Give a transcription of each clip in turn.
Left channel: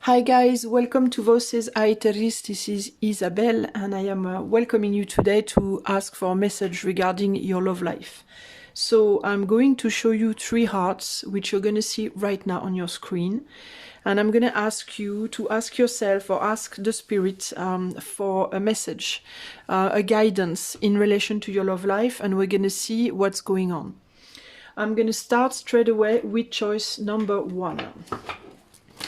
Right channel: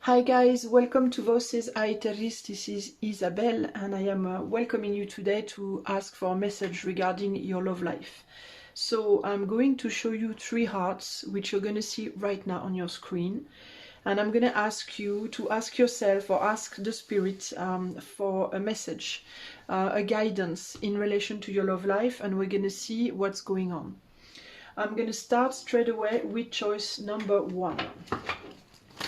Hi guys, welcome to Voces Chapiters. This is Isabelle and I am welcoming you today to ask for a message regarding your love life. So I'm going to show you 3 hearts which you're going to see right now on your screen, and I'm going to ask you to ask yourself or ask the spirit for a message, a guidance in relation to your love life, and we're going to see what's going on. I'm going to start straight away with choice number 1.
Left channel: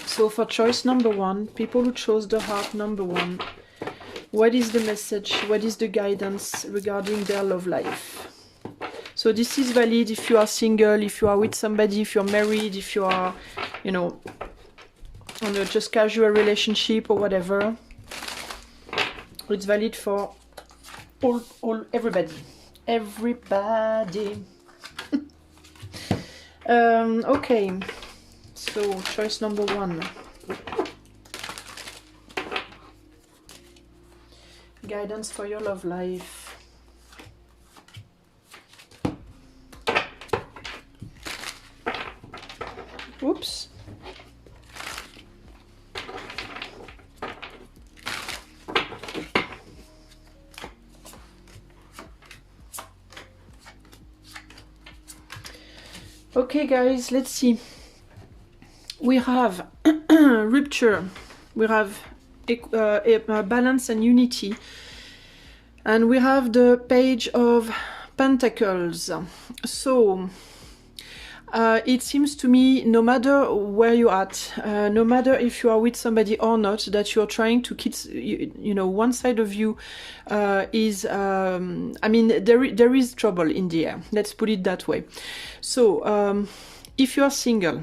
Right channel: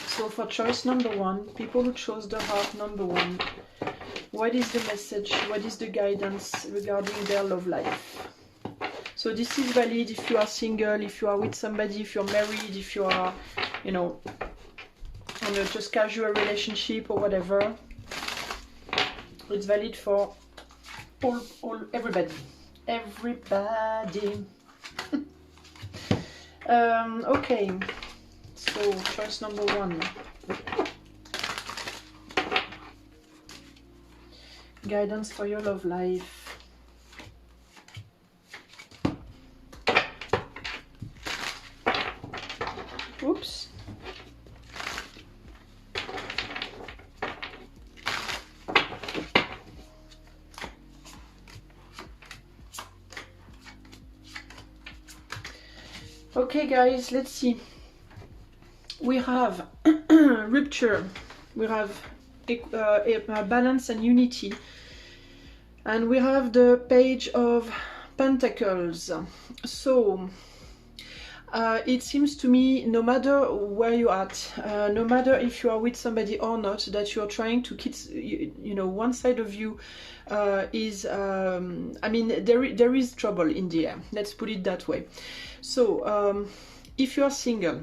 So for choice number 1, people who chose the heart number 1, what is the message, what is the guidance regarding their love life? So this is valid if you are single, if you are with somebody, if you're married, if you are, just casual relationship or whatever. It's valid for everybody. Everybody. Okay. So, choice number 1. Guidance for your love life. Oops. Okay, guys, let's see. We have rupture, we have balance and unity, and we have the Page of Pentacles. So it seems to me, no matter where you're at, no matter if you are with somebody or not, that you're trying to keep, one side of you is, there is trouble in the air. Let's put it that way. So if you are single,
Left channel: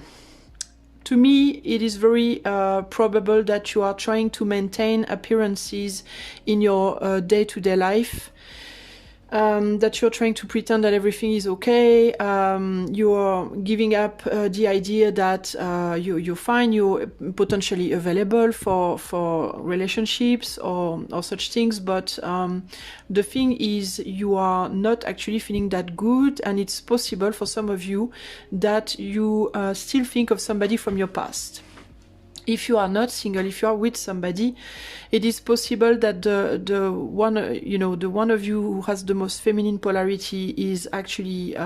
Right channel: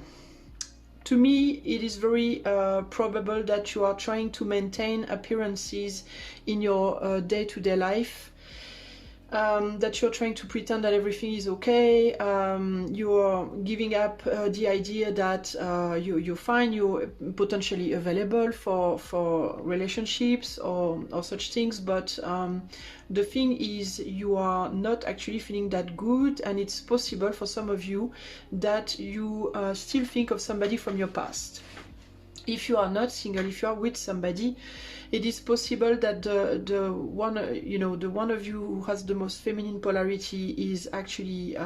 to me, it is very probable that you are trying to maintain appearances in your day-to-day life, that you're trying to pretend that everything is okay. You're giving up the idea that you're fine, you're potentially available for relationships or such things, but the thing is, you are not actually feeling that good, and it's possible for some of you that you still think of somebody from your past. If you are not single, if you are with somebody, it is possible that the one of you who has the most feminine polarity is actually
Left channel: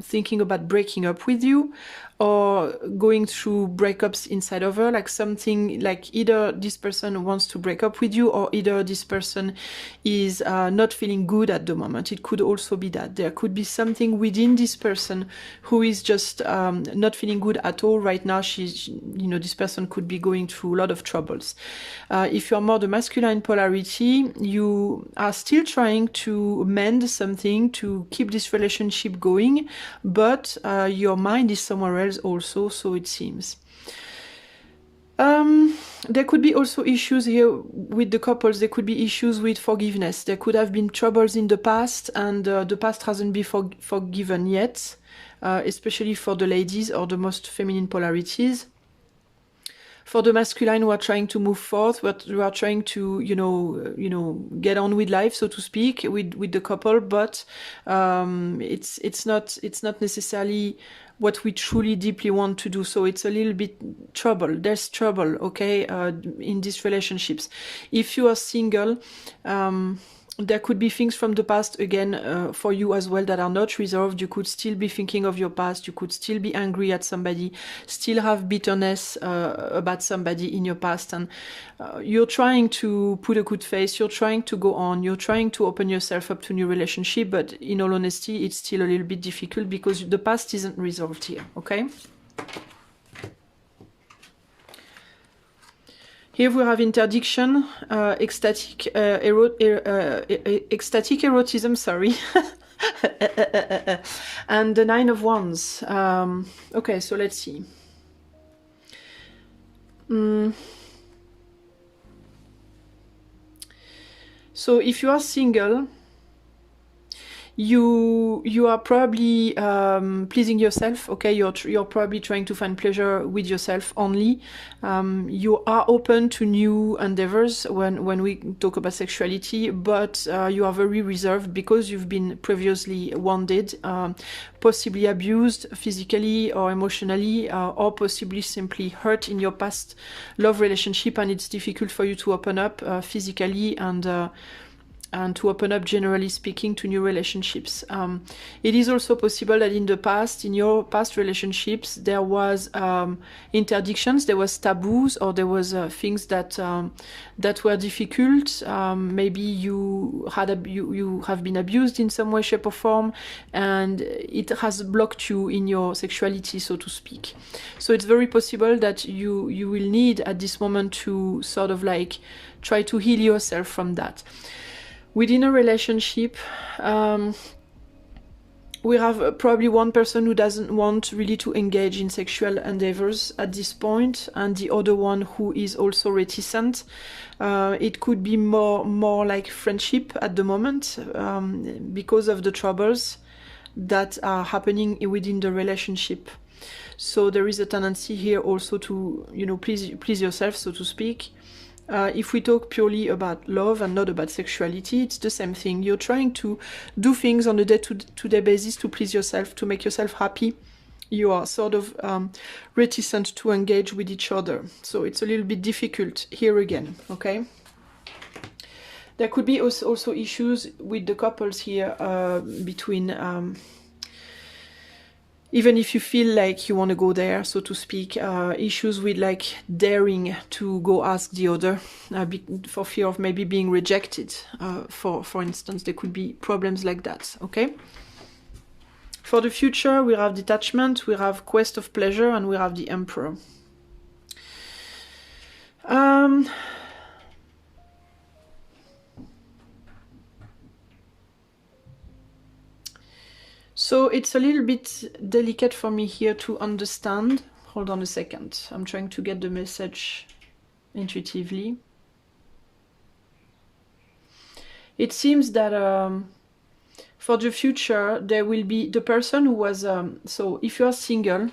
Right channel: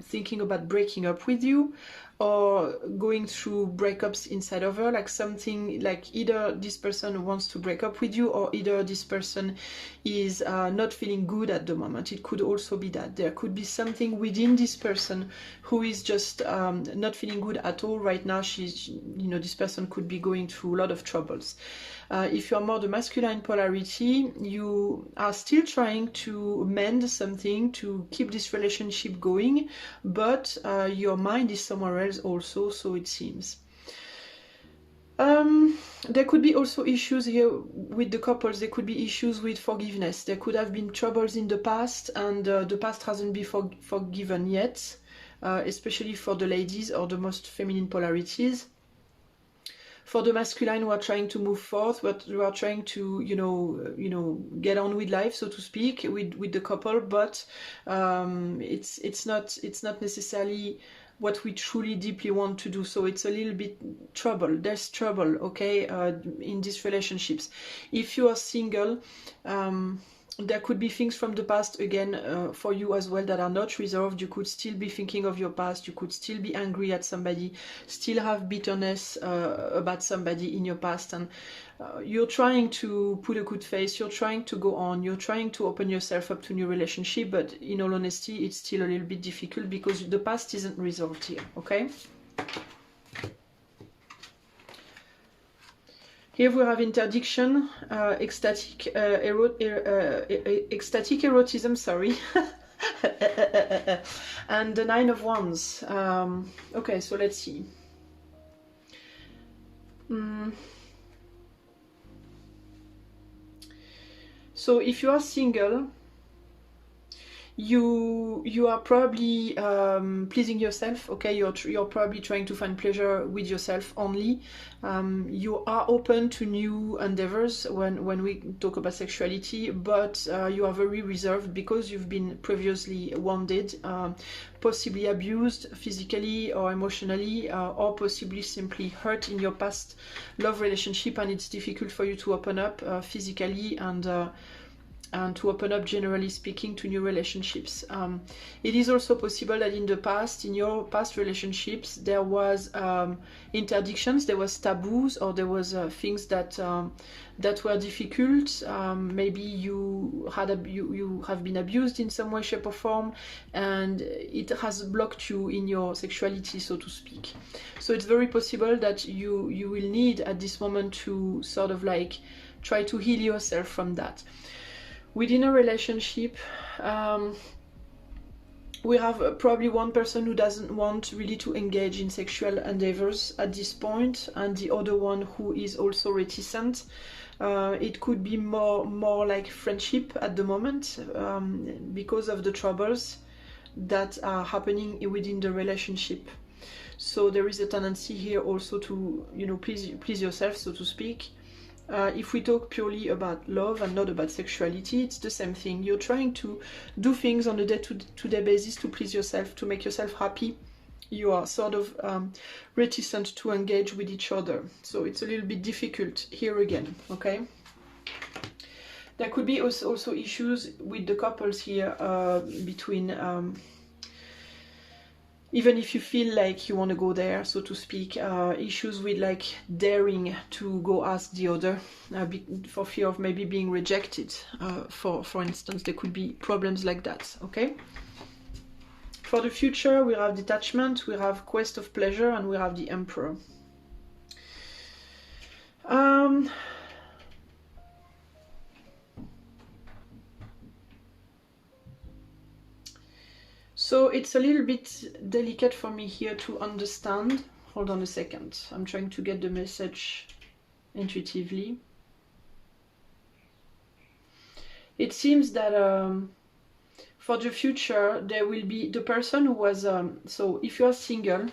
thinking about breaking up with you, or going through breakups inside of her, like something like either this person wants to break up with you, or either this person is not feeling good at the moment. It could also be that there could be something within this person who is just not feeling good at all right now. This person could be going through a lot of troubles. If you are more the masculine polarity, you are still trying to mend something to keep this relationship going, but your mind is somewhere else also, so it seems. There could be also issues here with the couples. There could be issues with forgiveness. There could have been troubles in the past, and the past hasn't been forgiven yet, especially for the ladies or the most feminine polarities. For the masculine, we are trying to move forth, but we are trying to, get on with life, so to speak, with the couple. But it's not necessarily what we truly deeply want to do. So it's a little bit trouble. There's trouble, okay, in these relationships. If you are single, there could be things from the past again for you as well that are not resolved. You could still be thinking of your past. You could still be angry at somebody, still have bitterness about somebody in your past, and you're trying to put a good face. You're trying to go on. You're trying to open yourself up to new relationship, but in all honesty, it's still a little bit difficult because the past isn't resolved here, okay? Here we have interdiction, ecstatic erotism, sorry, and the 9 of Wands. Okay, so let's see. So if you are single, you are probably pleasing yourself. Okay, you're probably trying to find pleasure with yourself only. You are open to new endeavors when we talk about sexuality, but you are very reserved because you've been previously wounded, possibly abused physically or emotionally, or possibly simply hurt in your past love relationship, and it's difficult for you to open up physically and to open up, generally speaking, to new relationships. It is also possible that in the past, in your past relationships, there was interdictions, there was taboos, or there was things that were difficult. Maybe you have been abused in some way, shape, or form, and it has blocked you in your sexuality, so to speak. So it's very possible that you will need at this moment to sort of like try to heal yourself from that. Within a relationship, we have probably one person who doesn't want really to engage in sexual endeavors at this point, and the other one who is also reticent. It could be more like friendship at the moment, because of the troubles that are happening within the relationship. So there is a tendency here also to, you know, please yourself, so to speak. If we talk purely about love and not about sexuality, it's the same thing. You're trying to do things on a day-to-day basis to please yourself, to make yourself happy. You are sort of reticent to engage with each other. So it's a little bit difficult here again, okay? There could be also issues with the couples here between... even if you feel like you want to go there, so to speak, issues with like daring to go ask the other for fear of maybe being rejected. For instance, there could be problems like that, okay? For the future, we have detachment, we have quest of pleasure, and we have the Emperor. So it's a little bit delicate for me here to understand. Hold on a second. I'm trying to get the message intuitively. It seems that for the future, there will be the person who was... so if you're single,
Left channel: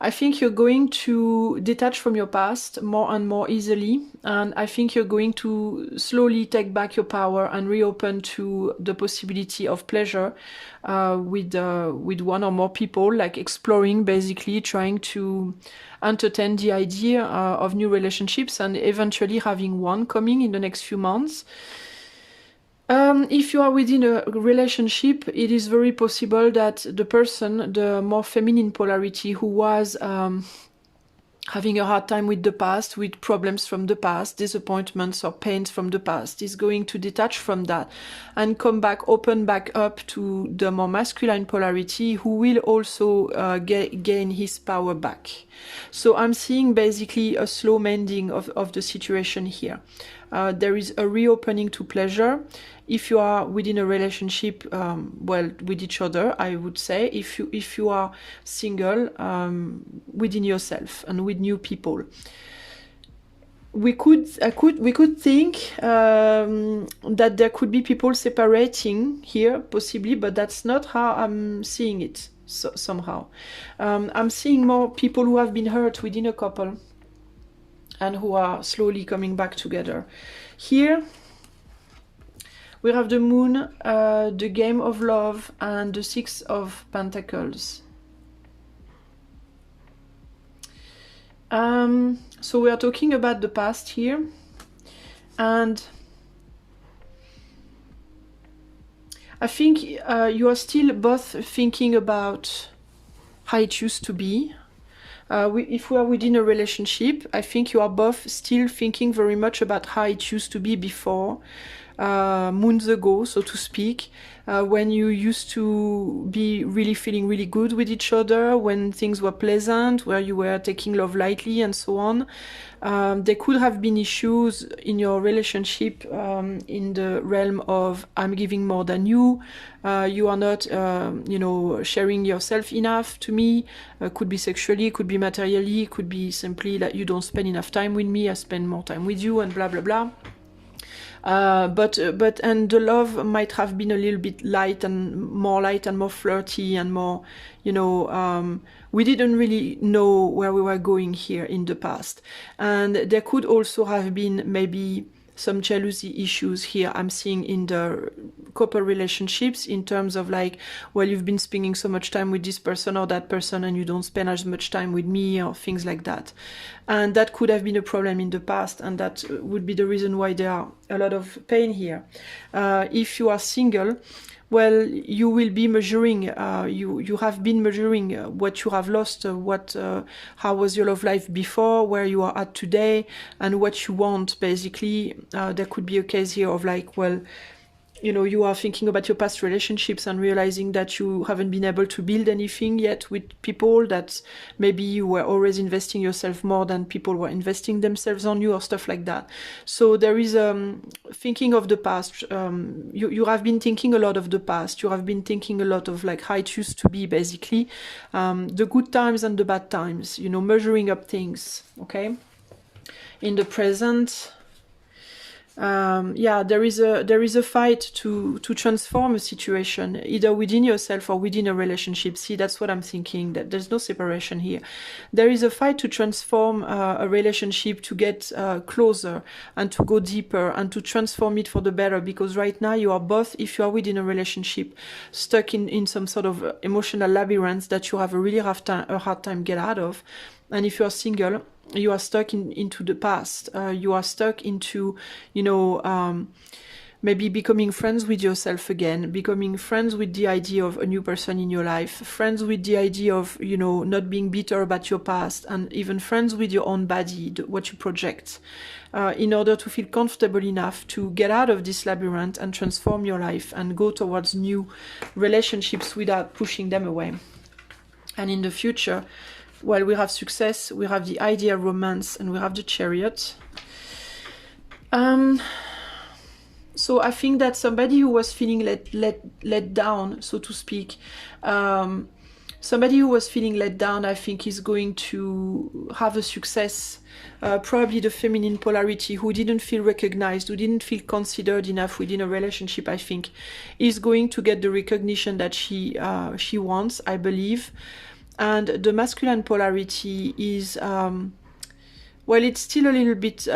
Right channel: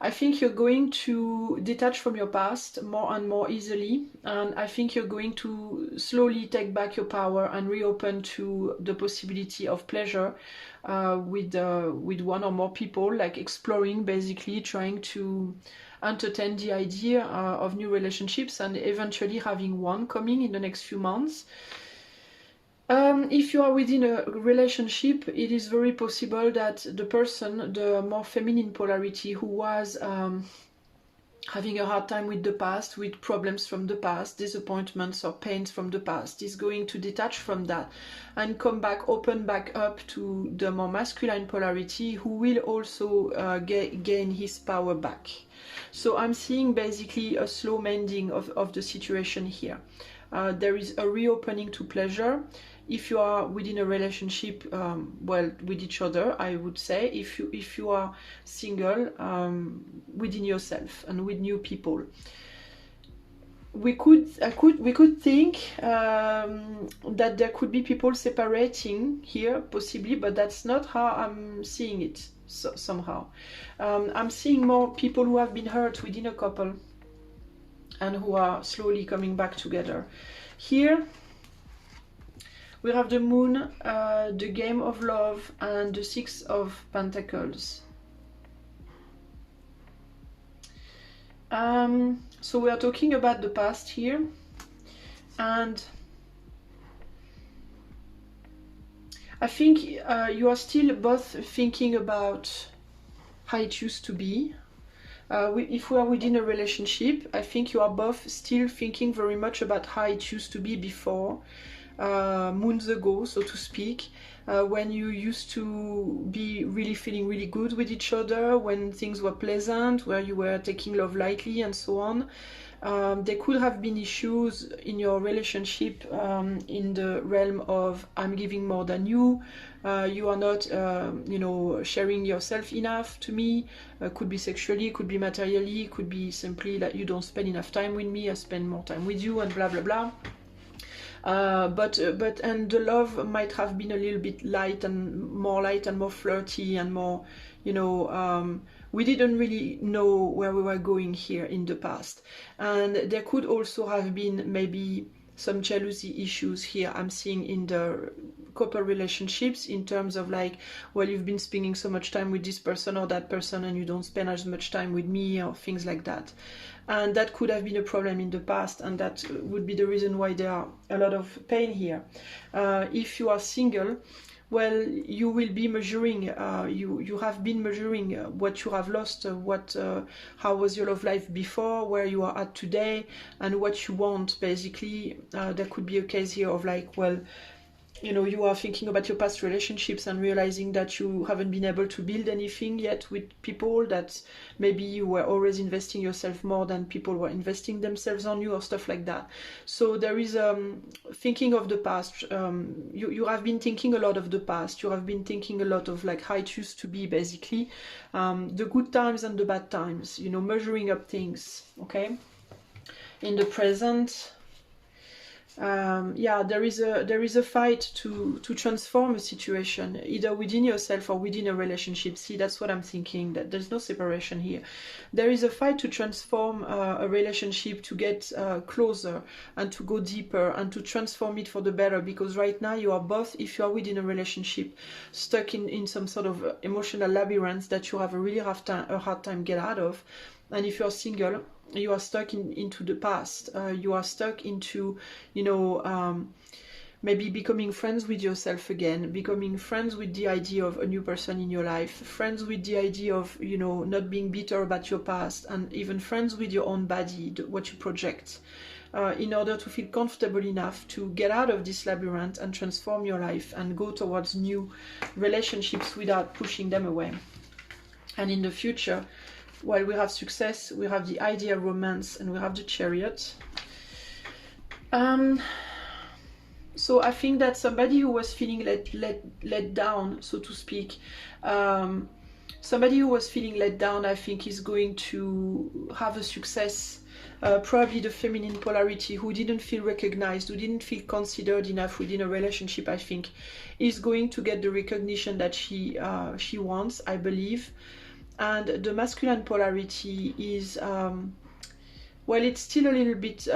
I think you're going to detach from your past more and more easily, and I think you're going to slowly take back your power and reopen to the possibility of pleasure with one or more people, like exploring, basically trying to entertain the idea of new relationships and eventually having one coming in the next few months. If you are within a relationship, it is very possible that the person, the more feminine polarity, who was having a hard time with the past, with problems from the past, disappointments or pains from the past, is going to detach from that and come back, open back up to the more masculine polarity, who will also gain his power back. So I'm seeing basically a slow mending of the situation here. There is a reopening to pleasure. If you are within a relationship, well, with each other, I would say, if you are single, within yourself and with new people, we could think that there could be people separating here, possibly, but that's not how I'm seeing it. So, somehow, I'm seeing more people who have been hurt within a couple and who are slowly coming back together. Here we have the Moon, the Game of Love, and the Six of Pentacles. So we are talking about the past here, and I think you are still both thinking about how it used to be. If we are within a relationship, I think you are both still thinking very much about how it used to be before, moons ago, so to speak, when you used to be really feeling really good with each other, when things were pleasant, where you were taking love lightly and so on. There could have been issues in your relationship in the realm of I'm giving more than you, you are not you know, sharing yourself enough to me. Could be sexually, could be materially, could be simply that you don't spend enough time with me, I spend more time with you, and blah blah blah. And the love might have been a little bit light and more flirty and more, you know, we didn't really know where we were going here in the past. And there could also have been maybe some jealousy issues here I'm seeing in the couple relationships, in terms of like, well, you've been spending so much time with this person or that person and you don't spend as much time with me, or things like that. And that could have been a problem in the past, and that would be the reason why there are a lot of pain here. If you are single, well, you will be measuring, you have been measuring what you have lost, how was your love life before, where you are at today, and what you want, basically. There could be a case here of like, well, you know, you are thinking about your past relationships and realizing that you haven't been able to build anything yet with people, that maybe you were always investing yourself more than people were investing themselves on you, or stuff like that. So there is thinking of the past. You have been thinking a lot of the past. You have been thinking a lot of like how it used to be, basically. The good times and the bad times, you know, measuring up things, okay? In the present, yeah, there is a fight to transform a situation, either within yourself or within a relationship. See, that's what I'm thinking, that there's no separation here. There is a fight to transform a relationship, to get closer and to go deeper and to transform it for the better, because right now you are both, if you are within a relationship, stuck in some sort of emotional labyrinth that you have a really hard time get out of. And if you are single, you are stuck into the past. You are stuck into, you know, maybe becoming friends with yourself again, becoming friends with the idea of a new person in your life, friends with the idea of, you know, not being bitter about your past, and even friends with your own body, what you project, in order to feel comfortable enough to get out of this labyrinth and transform your life and go towards new relationships without pushing them away. And in the future, well, we have success, we have the idea of romance, and we have the Chariot. So I think that somebody who was feeling let down, so to speak, somebody who was feeling let down, I think, is going to have a success. Probably the feminine polarity, who didn't feel recognized, who didn't feel considered enough within a relationship, I think, is going to get the recognition that she wants, I believe. And the masculine polarity is, well, it's still a little bit,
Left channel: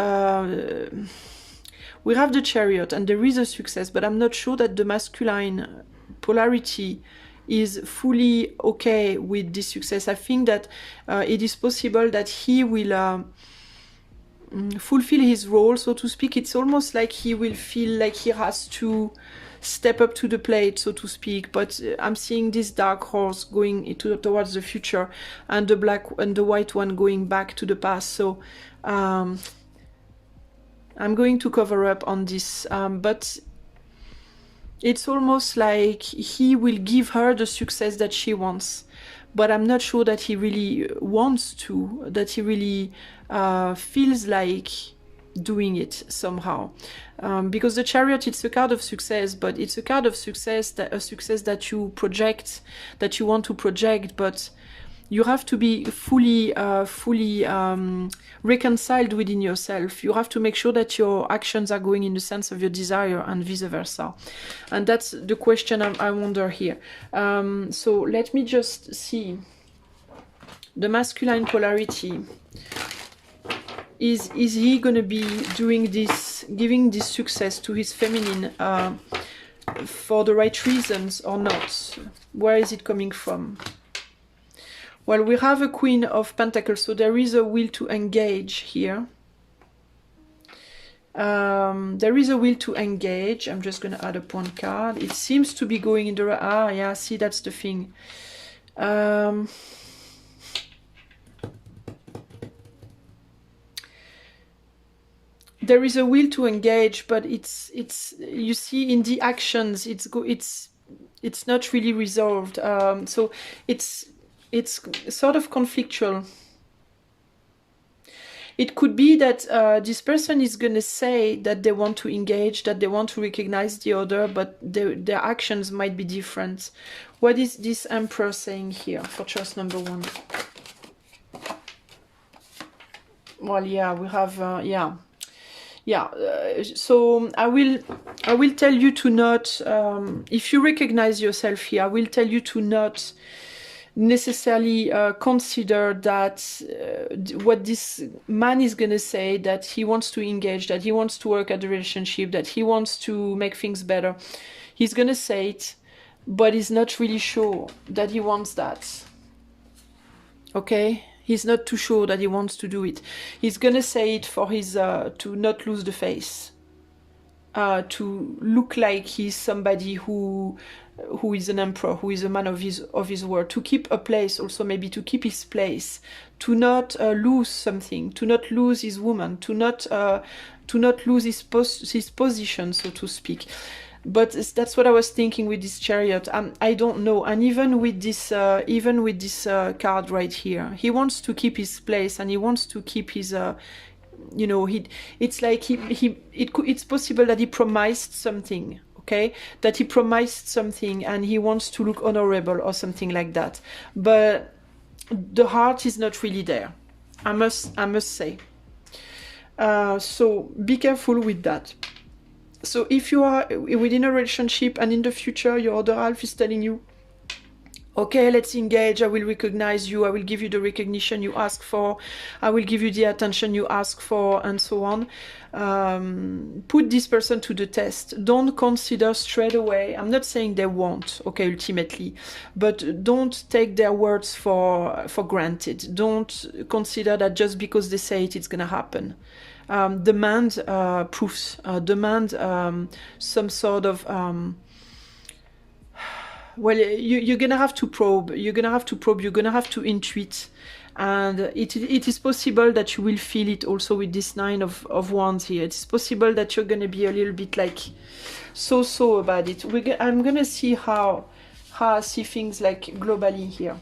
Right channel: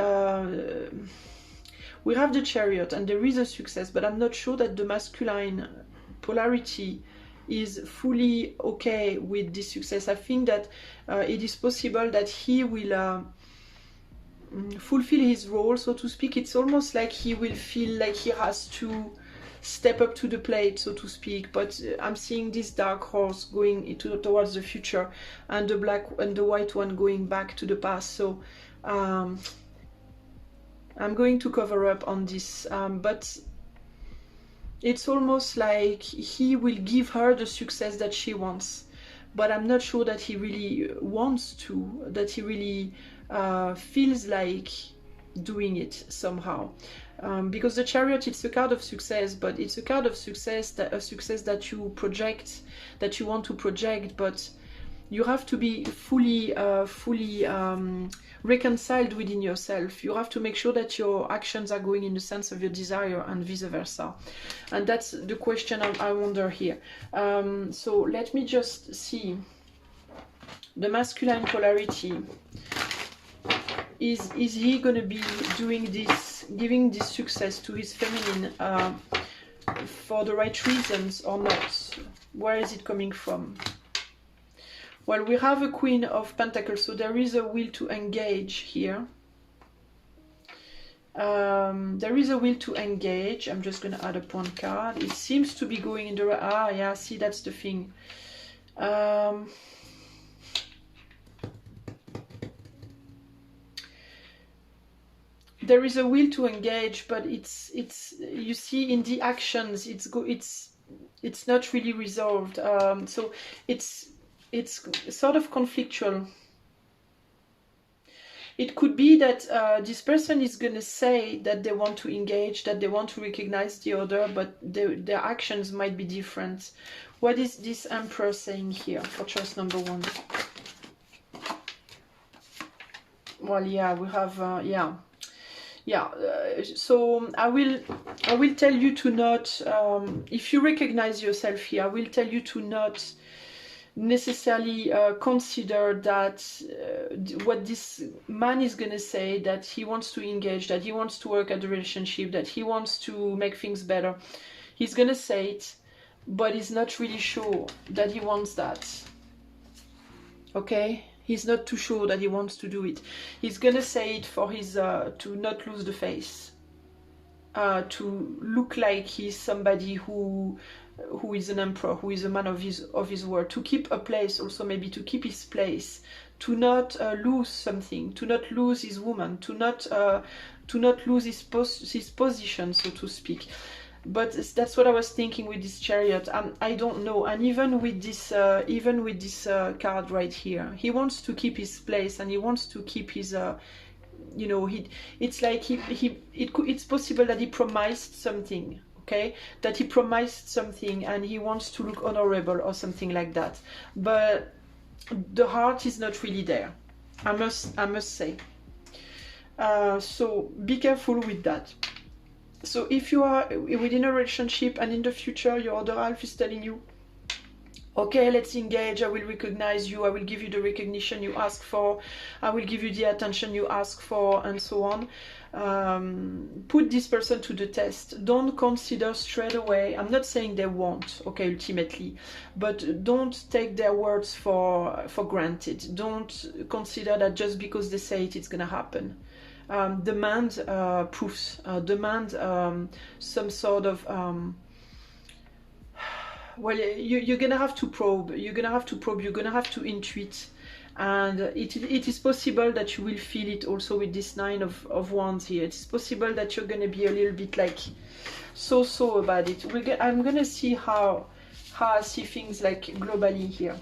we have the Chariot and there is a success, but I'm not sure that the masculine polarity is fully okay with this success. I think that it is possible that he will fulfill his role, so to speak. It's almost like he will feel like he has to step up to the plate, so to speak. But I'm seeing this dark horse going towards the future, and the black and the white one going back to the past. So I'm going to cover up on this, but it's almost like he will give her the success that she wants, but I'm not sure that he really wants to, that he really feels like doing it somehow. Because the Chariot, it's a card of success, but it's a card of success, a success that you project, that you want to project, but you have to be fully reconciled within yourself. You have to make sure that your actions are going in the sense of your desire, and vice versa. And that's the question I wonder here. So let me just see. The masculine polarity. Is he going to be doing this, giving this success to his feminine for the right reasons or not? Where is it coming from? Well, we have a Queen of Pentacles, so there is a will to engage here. There is a will to engage. I'm just going to add up one card. It seems to be going in the... Ah, yeah, see, that's the thing. There is a will to engage, but it's you see in the actions it's not really resolved. So it's sort of conflictual. It could be that this person is going to say that they want to engage, that they want to recognize the other, but their actions might be different. What is this Emperor saying here for choice number 1? Well, yeah, we have yeah. yeah, so I will tell you to not, if you recognize yourself here, I will tell you to not necessarily consider that what this man is gonna say, that he wants to engage, that he wants to work at the relationship, that he wants to make things better. He's gonna say it, but he's not really sure that he wants that. Okay? He's not too sure that he wants to do it. He's gonna say it for his to not lose the face, to look like he's somebody who is an emperor, who is a man of his word, to keep a place, also maybe to keep his place, to not lose something, to not lose his woman, to not lose his position, so to speak. But that's what I was thinking with this Chariot. I don't know. And even with this card right here, he wants to keep his place, and he wants to keep his you know, it's like it's possible that he promised something, okay, that he promised something and he wants to look honorable or something like that, but the heart is not really there, I must say. So be careful with that. So if you are within a relationship and in the future your other half is telling you, okay, let's engage, I will recognize you, I will give you the recognition you ask for, I will give you the attention you ask for, and so on. Put this person to the test. Don't consider straight away, I'm not saying they won't, okay, ultimately, but don't take their words for granted. Don't consider that just because they say it, it's gonna happen. Demand proofs, demand some sort of well, you're gonna have to probe, you're gonna have to intuit, and it is possible that you will feel it also with this Nine of Wands here. It's possible that you're gonna be a little bit like so about it. I'm gonna see how I see things like globally here.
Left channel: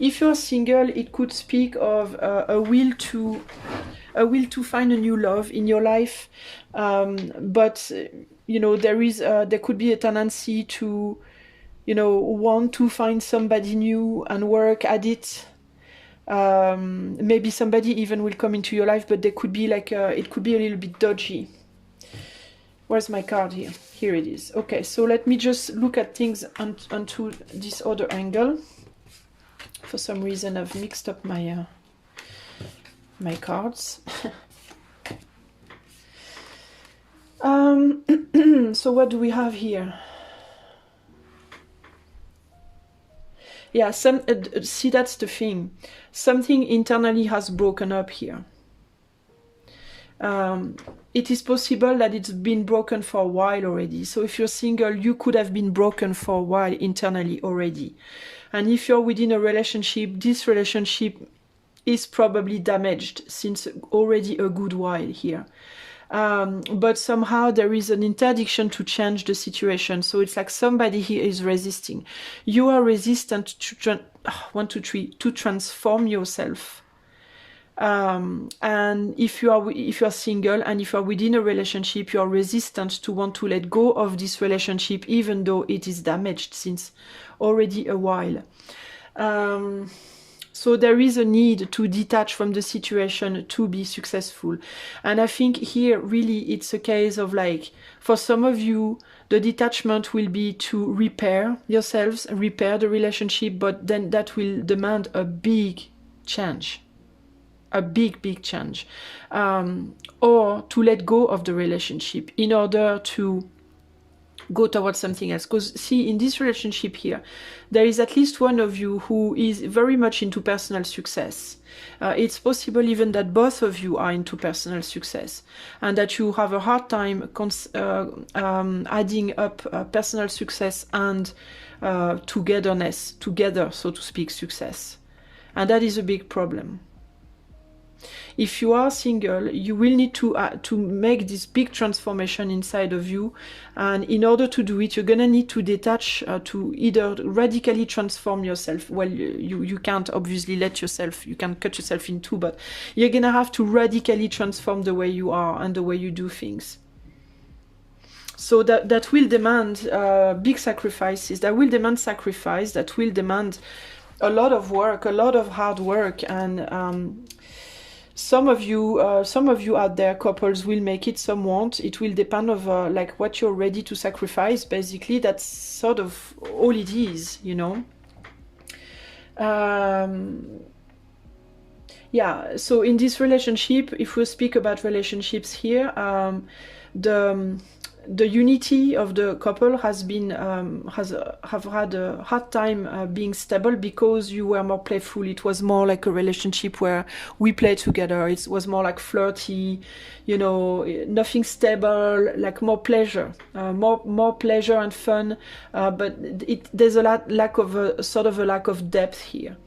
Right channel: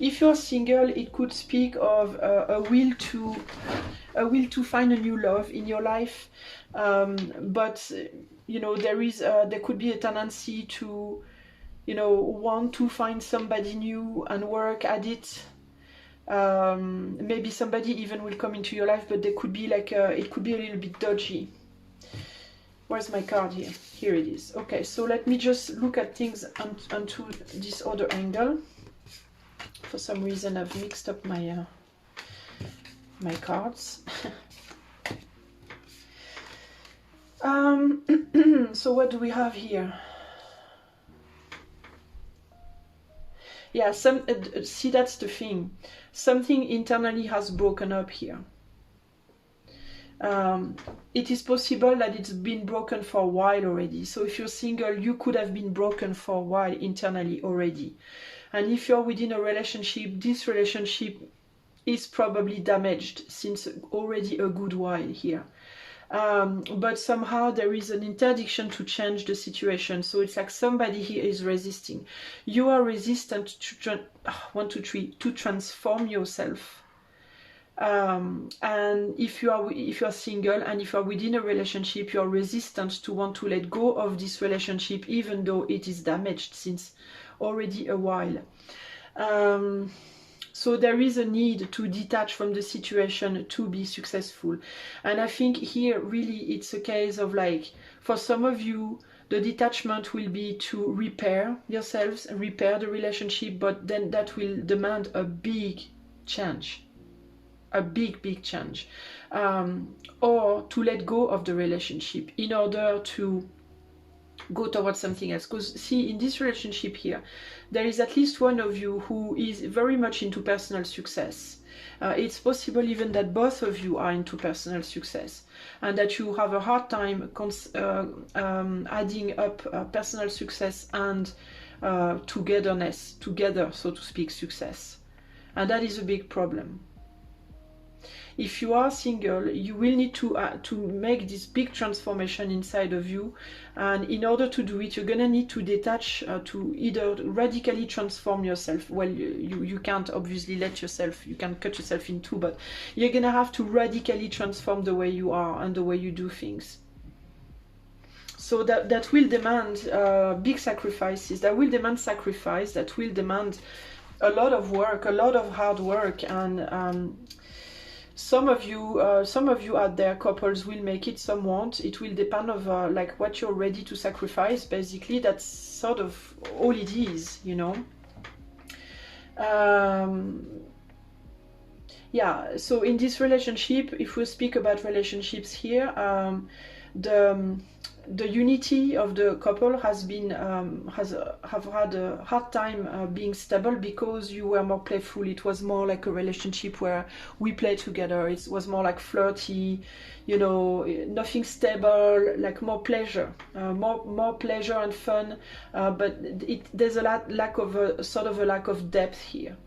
If you're single, it could speak of a will to find a new love in your life, but you know, there could be a tendency to, you know, want to find somebody new and work at it. Maybe somebody even will come into your life, but there could be like it could be a little bit dodgy. Where's my card here? Here it is. Okay, so let me just look at things onto this other angle. For some reason I've mixed up my my cards. So what do we have here? Yeah, see, that's the thing. Something internally has broken up here. It is possible that it's been broken for a while already. So if you're single, you could have been broken for a while internally already. And if you're within a relationship, this relationship is probably damaged since already a good while here. But somehow there is an interdiction to change the situation. So it's like somebody here is resisting. You are resistant to transform yourself. And if you are single and if you are within a relationship, you are resistant to want to let go of this relationship, even though it is damaged since already a while. So there is a need to detach from the situation to be successful. And I think here really it's a case of like, for some of you, the detachment will be to repair yourselves, repair the relationship, but then that will demand a big change. A big change. Or to let go of the relationship in order to go towards something else. Because see, in this relationship here, there is at least one of you who is very much into personal success. It's possible even that both of you are into personal success and that you have a hard time adding up personal success and togetherness, together, so to speak, success. And that is a big problem. If you are single, you will need to make this big transformation inside of you, and in order to do it, you're gonna need to detach, to either radically transform yourself. Well, you can't obviously you can cut yourself in two, but you're gonna have to radically transform the way you are and the way you do things. So that will demand big sacrifices, that will demand sacrifice, that will demand a lot of work, a lot of hard work, and some of you out there, couples, will make it, some won't. It will depend of like what you're ready to sacrifice. Basically, that's sort of all it is, you know. Yeah, so in this relationship, if we speak about relationships here, the unity of the couple has been have had a hard time being stable, because you were more playful. It was more like a relationship where we play together. It was more like flirty, you know, nothing stable, like more pleasure, more pleasure and fun. But there's a lack of a sort of a lack of depth here,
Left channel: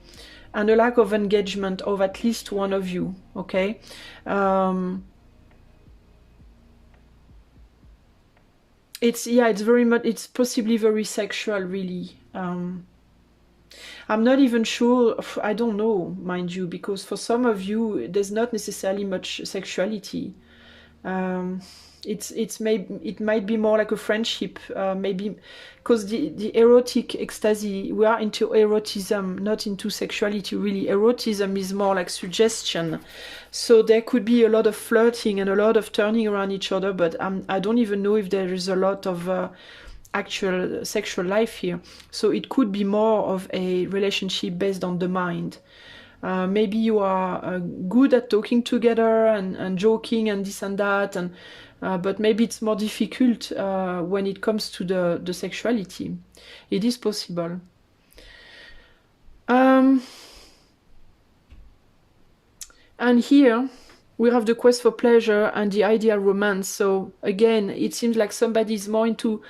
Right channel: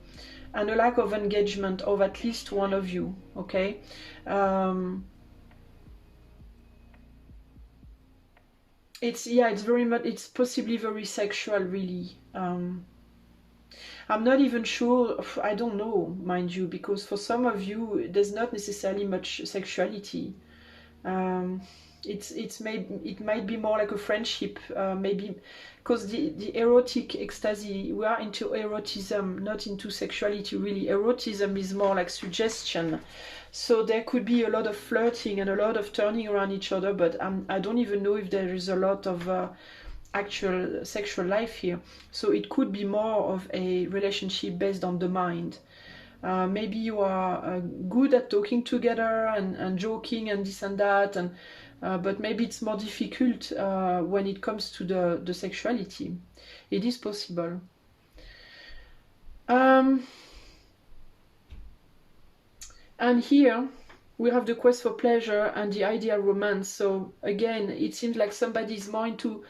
and a lack of engagement of at least one of you. Okay. It's very much, it's possibly very sexual, really. I'm not even sure, I don't know, mind you, because for some of you there's not necessarily much sexuality. It might be more like a friendship, maybe, because the erotic ecstasy, we are into erotism, not into sexuality, really. Erotism is more like suggestion, so there could be a lot of flirting and a lot of turning around each other, but I don't even know if there is a lot of actual sexual life here. So it could be more of a relationship based on the mind. Maybe you are good at talking together and joking and this and that, and but maybe it's more difficult when it comes to the sexuality. It is possible. And here we have the quest for pleasure and the ideal romance. So again, it seems like somebody is more into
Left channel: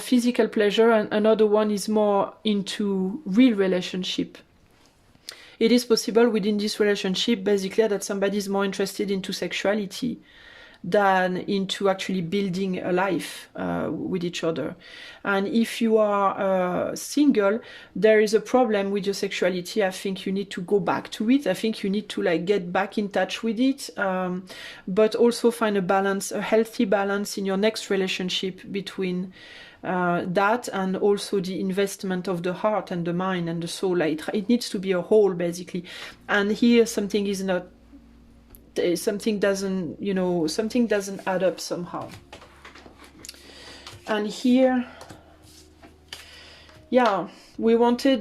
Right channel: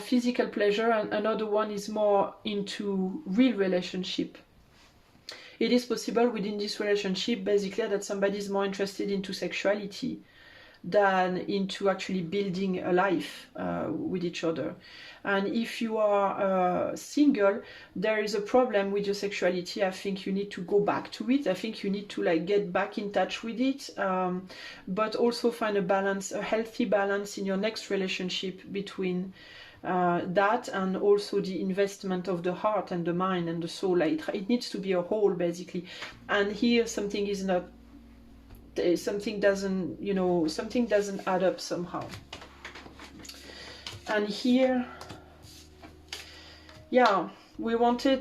physical pleasure, and another one is more into real relationship. It is possible within this relationship, basically, that somebody is more interested into sexuality than into actually building a life with each other. And if you are single, there is a problem with your sexuality. I think you need to go back to it. I think you need to like get back in touch with it, but also find a balance, a healthy balance in your next relationship between that and also the investment of the heart and the mind and the soul. It needs to be a whole, basically. And here something is not, something doesn't, you know, something doesn't add up somehow. And here, yeah, we wanted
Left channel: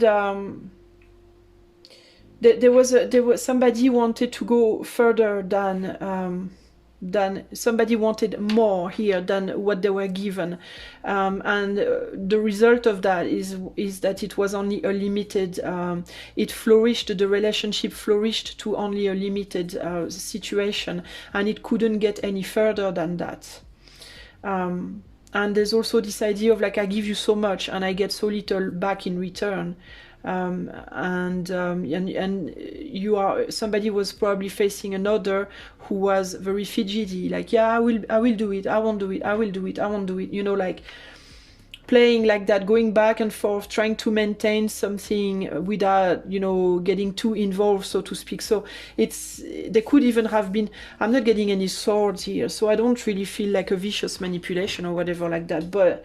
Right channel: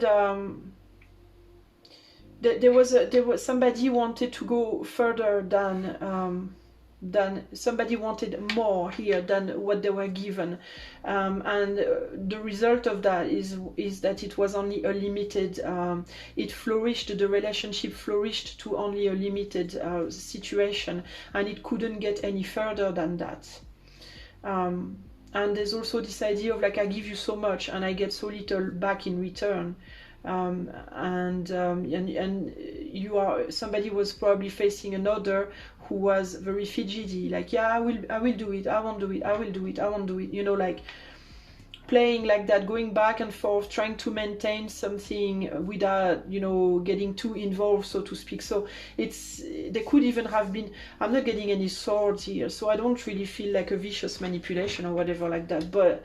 there was somebody wanted to go further than somebody wanted more here than what they were given, and the result of that is that it was only a limited, it flourished, the relationship flourished to only a limited situation, and it couldn't get any further than that. And there's also this idea of like, I give you so much and I get so little back in return. And you are, somebody was probably facing another who was very fidgety, like, yeah, I will do it, I won't do it, I will do it, I won't do it, you know, like playing like that, going back and forth, trying to maintain something without, you know, getting too involved, so to speak. So it's, there could even have been, I'm not getting any swords here, so I don't really feel like a vicious manipulation or whatever like that, but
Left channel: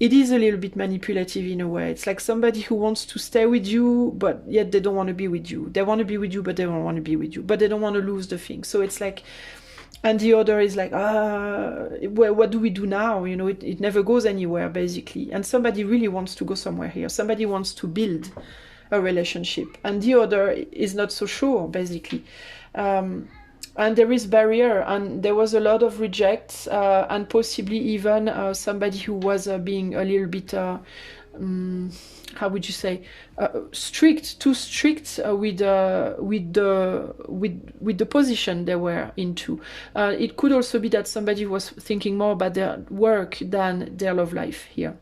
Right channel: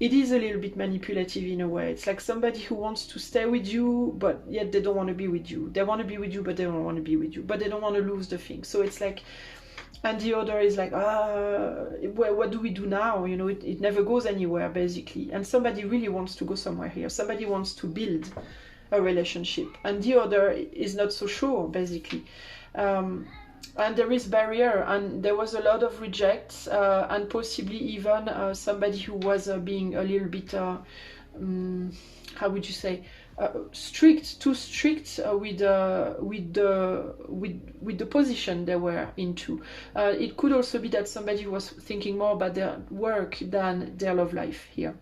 it is a little bit manipulative in a way. It's like somebody who wants to stay with you, but yet they don't want to be with you. They want to be with you, but they don't want to be with you. But they don't want to lose the thing. So it's like, and the other is like, well, what do we do now? You know, it never goes anywhere, basically. And somebody really wants to go somewhere here. Somebody wants to build a relationship. And the other is not so sure, basically. And there is barrier, and there was a lot of rejects, and possibly even somebody who was being a little bit, how would you say, strict, too strict with the position they were into. It could also be that somebody was thinking more about their work than their love life here.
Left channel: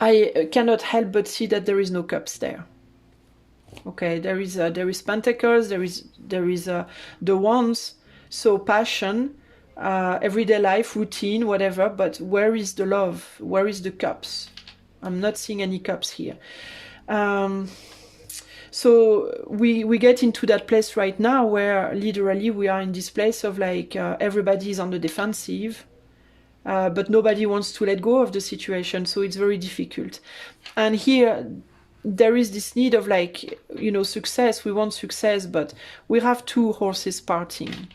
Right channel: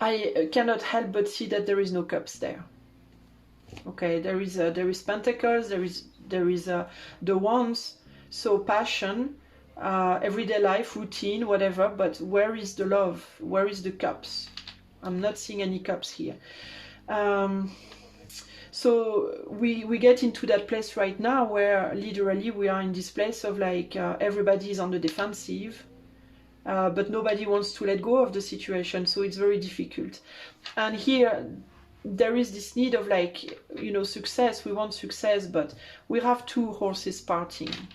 I cannot help but see that there is no cups there. Okay, there is pentacles, there is the wands, so passion, everyday life, routine, whatever, but where is the love? Where is the cups? I'm not seeing any cups here. So we get into that place right now where literally we are in this place of like, everybody is on the defensive, but nobody wants to let go of the situation, so it's very difficult. And here there is this need of like, you know, success. We want success, but we have two horses parting.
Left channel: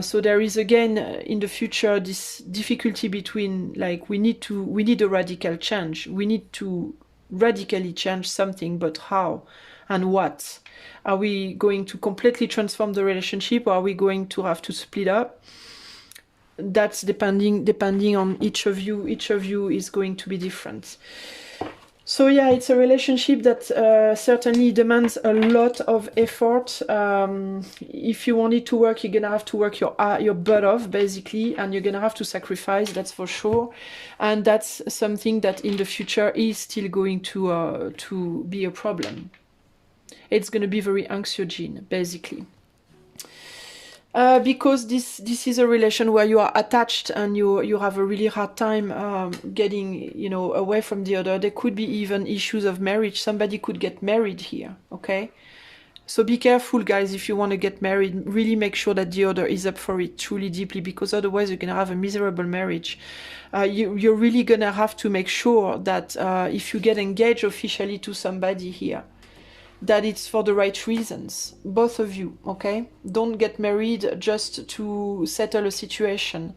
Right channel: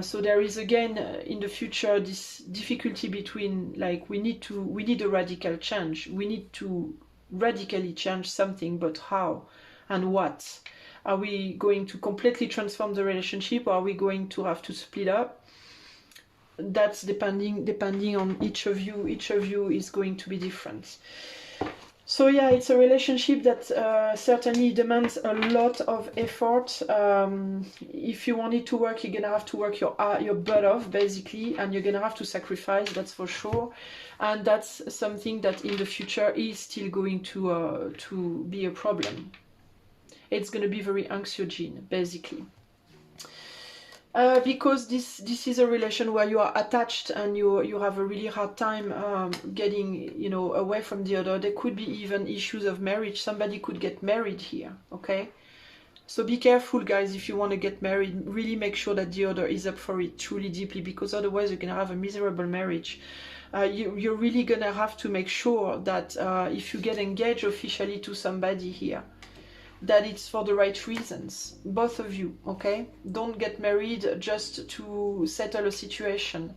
So there is again in the future this difficulty between like we need a radical change. We need to radically change something, but how and what? Are we going to completely transform the relationship, or are we going to have to split up? That's depending on each of you. Each of you is going to be different. So yeah, it's a relationship that certainly demands a lot of effort. If you want it to work, you're gonna have to work your butt off, basically, and you're gonna have to sacrifice, that's for sure. And that's something that in the future is still going to be a problem. It's gonna be very anxiogene, basically. Because this is a relation where you are attached and you have a really hard time getting, you know, away from the other. There could be even issues of marriage. Somebody could get married here, okay? So be careful, guys, if you want to get married. Really make sure that the other is up for it truly deeply, because otherwise you're going to have a miserable marriage. You're really going to have to make sure that if you get engaged officially to somebody here, that it's for the right reasons, both of you, okay? Don't get married just to settle a situation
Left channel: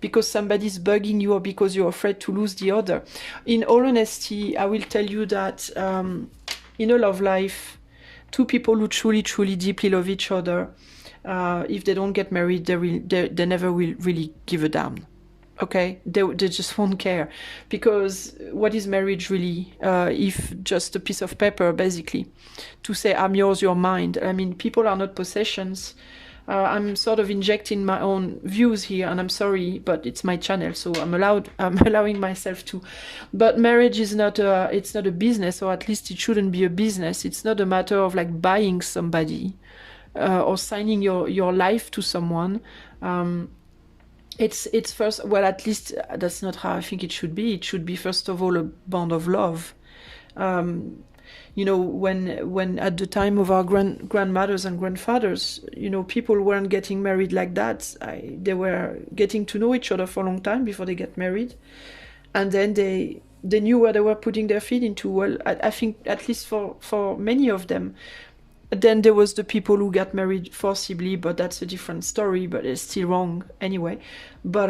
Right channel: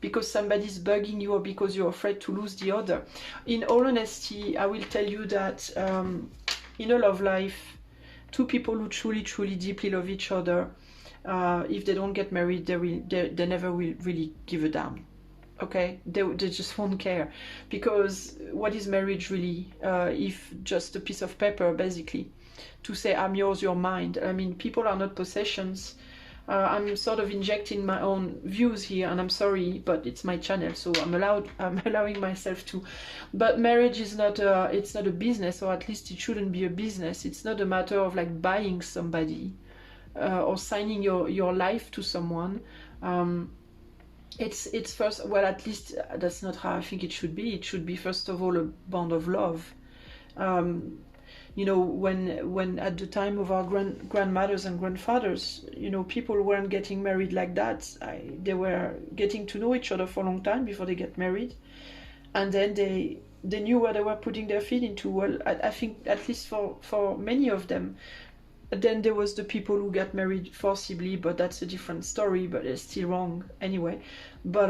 because somebody's bugging you or because you're afraid to lose the other. In all honesty, I will tell you that in a love life, two people who truly, truly, deeply love each other, if they don't get married, they never will really give a damn. Okay, they just won't care, because what is marriage really if just a piece of paper, basically, to say I'm yours, you're mine. I mean, people are not possessions. I'm sort of injecting my own views here, and I'm sorry, but it's my channel, so I'm allowing myself to. But marriage is not it's not a business, or at least it shouldn't be a business. It's not a matter of like buying somebody or signing your life to someone. It's first, well, at least that's not how I think it should be. It should be first of all a bond of love. You know, when at the time of our grandmothers and grandfathers, you know, people weren't getting married like that. They were getting to know each other for a long time before they get married, and then they knew where they were putting their feet into. Well, I think at least for many of them. Then there was the people who got married forcibly, but that's a different story, but it's still wrong anyway. But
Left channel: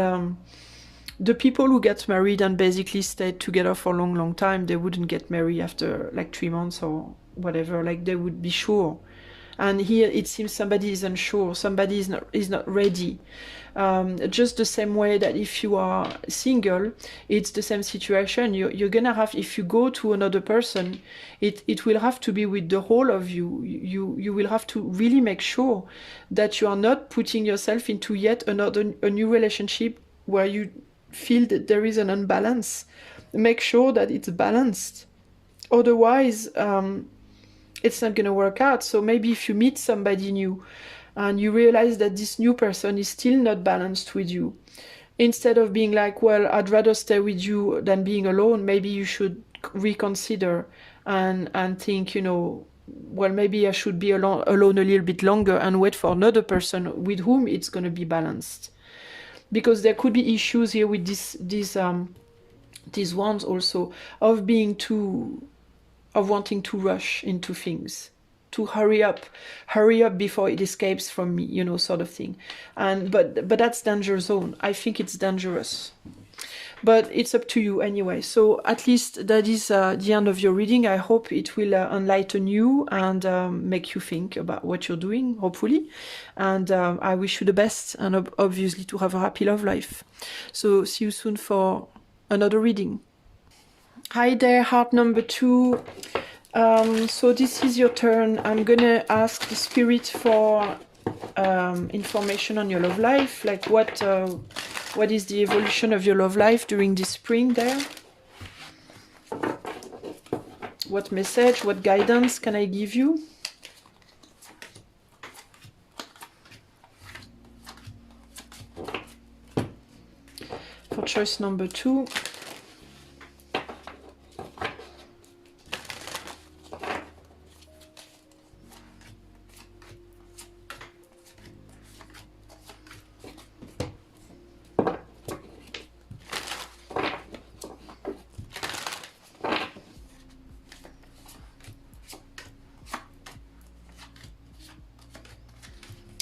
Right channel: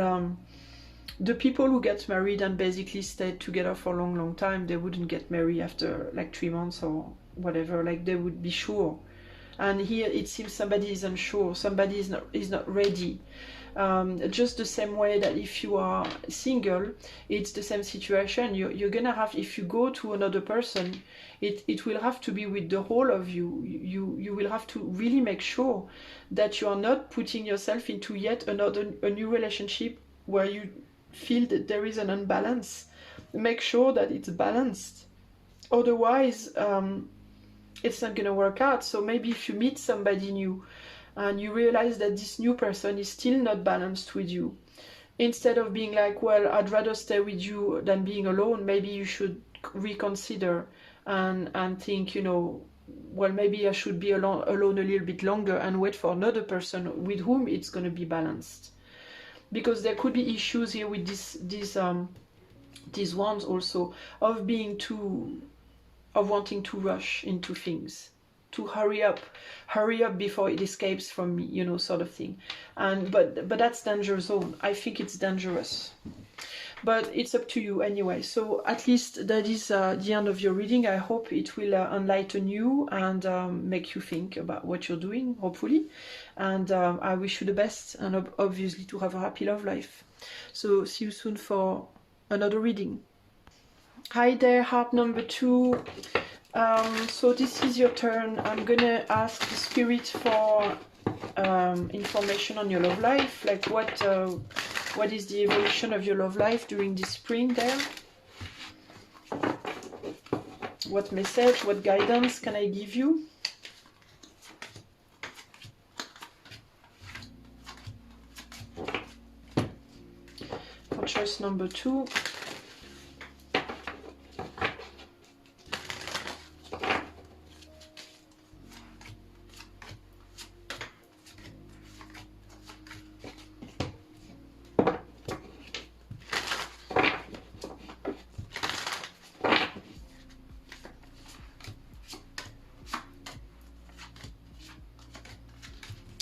the people who get married and basically stayed together for a long, long time, they wouldn't get married after like 3 months or whatever. Like they would be sure. And here it seems somebody is unsure, somebody is not ready. Just the same way that if you are single, it's the same situation. You're gonna have, if you go to another person, it will have to be with the whole of you. You will have to really make sure that you are not putting yourself into yet a new relationship where you feel that there is an unbalance. Make sure that it's balanced. Otherwise, it's not going to work out. So maybe if you meet somebody new and you realize that this new person is still not balanced with you, instead of being like, well, I'd rather stay with you than being alone, maybe you should reconsider and think, you know, well, maybe I should be alone a little bit longer and wait for another person with whom it's going to be balanced. Because there could be issues here with these ones also, of being of wanting to rush into things, to hurry up before it escapes from me, you know, sort of thing. And but that's danger zone. I think it's dangerous, but it's up to you anyway. So at least that is the end of your reading. I hope it will enlighten you and make you think about what you're doing, hopefully. And I wish you the best, and obviously to have a happy love life. So see you soon for another reading. Hi there, heart number 2. So this is your turn. I'm gonna ask the spirit for information on your love life, like what is the evolution of your love life during this spring there? What message, what guidance can I give you? For choice number 2.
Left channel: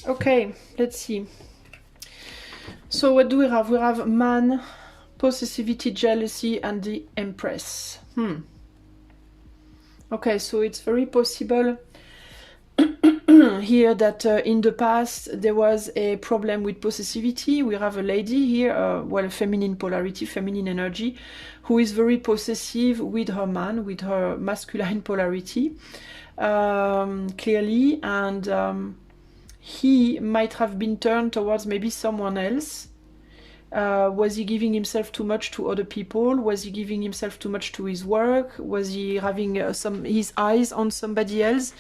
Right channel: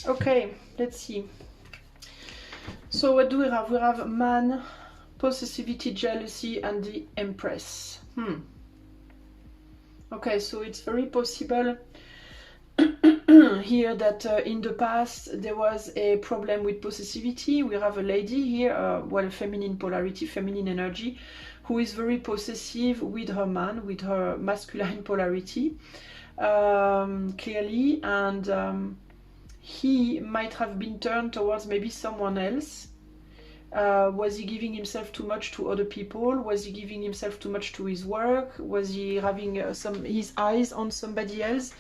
Okay, let's see. So what do we have? We have man, possessivity, jealousy, and the Empress. Okay, so it's very possible here that in the past there was a problem with possessivity. We have a lady here, well, feminine polarity, feminine energy, who is very possessive with her man, with her masculine polarity, clearly, and he might have been turned towards maybe someone else. Was he giving himself too much to other people? Was he giving himself too much to his work? Was he having his eyes on somebody else?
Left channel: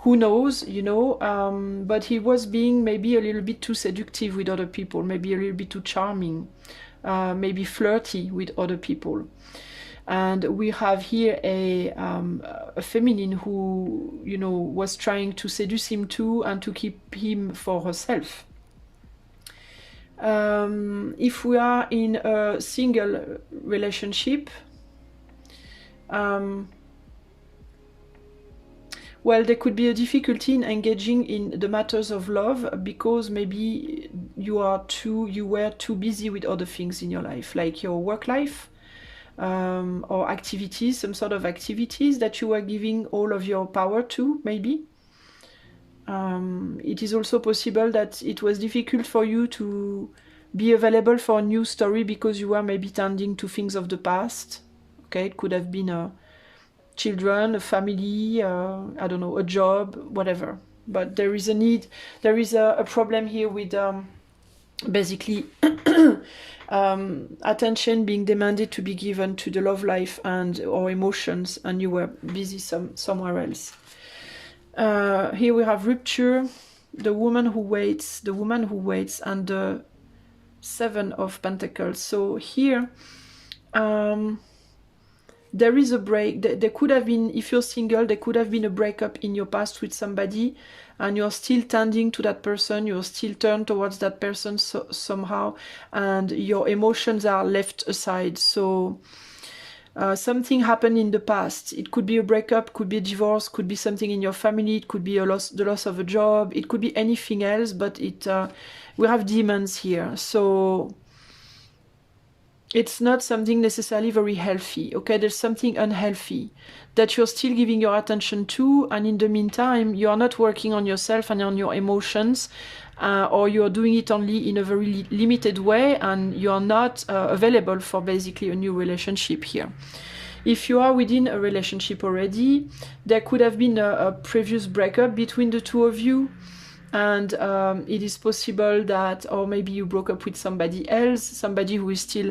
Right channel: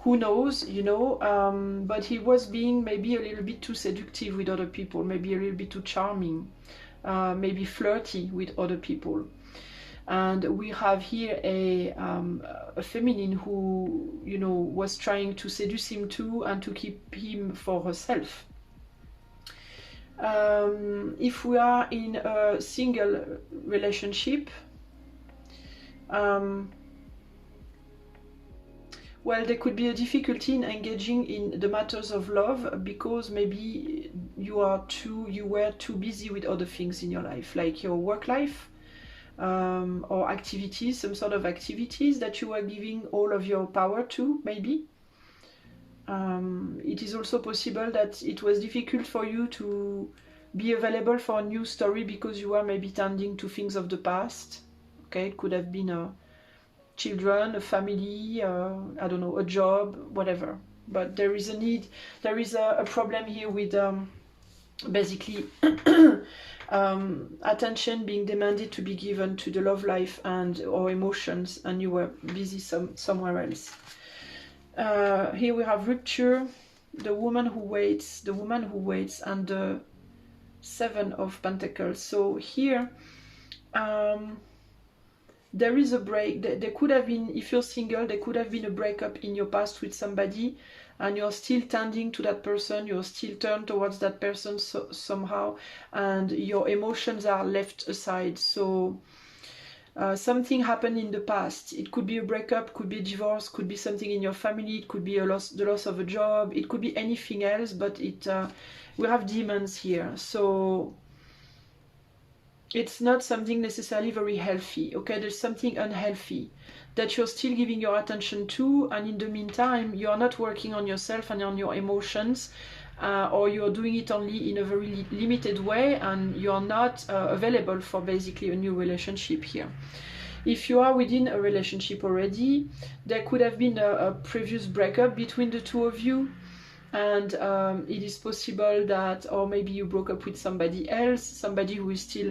Who knows, you know, but he was being maybe a little bit too seductive with other people, maybe a little bit too charming, maybe flirty with other people. And we have here a feminine who, you know, was trying to seduce him too and to keep him for herself. If we are in a single relationship, well, there could be a difficulty in engaging in the matters of love because maybe you were too busy with other things in your life, like your work life, or activities, some sort of activities that you were giving all of your power to, maybe. It is also possible that it was difficult for you to be available for a new story because you were maybe tending to things of the past. Okay, it could have been children, a family, I don't know, a job, whatever. But there is a need, there is a problem here with basically attention being demanded to be given to the love life and or emotions, and you were busy somewhere else. Here we have rupture, the woman who waits, and the Seven of Pentacles. So here there is a break. There could have been, if you're single, there could have been a breakup in your past with somebody, and you're still tending to that person, you're still turned towards that person somehow, and your emotions are left aside. So something happened in the past. It could be a breakup, could be a divorce, could be something in your family, it could be the loss of a job, it could be anything else, but we have demons here. So it's not something necessarily very healthy, okay? There's something unhealthy that you're still giving your attention to, and in the meantime, you're not working on yourself and on your emotions, or you're doing it only in a very limited way, and you're not available for basically a new relationship here. If you are within a relationship already, there could have been a previous breakup between the two of you, and it is possible that, or maybe you broke up with somebody else, somebody who is still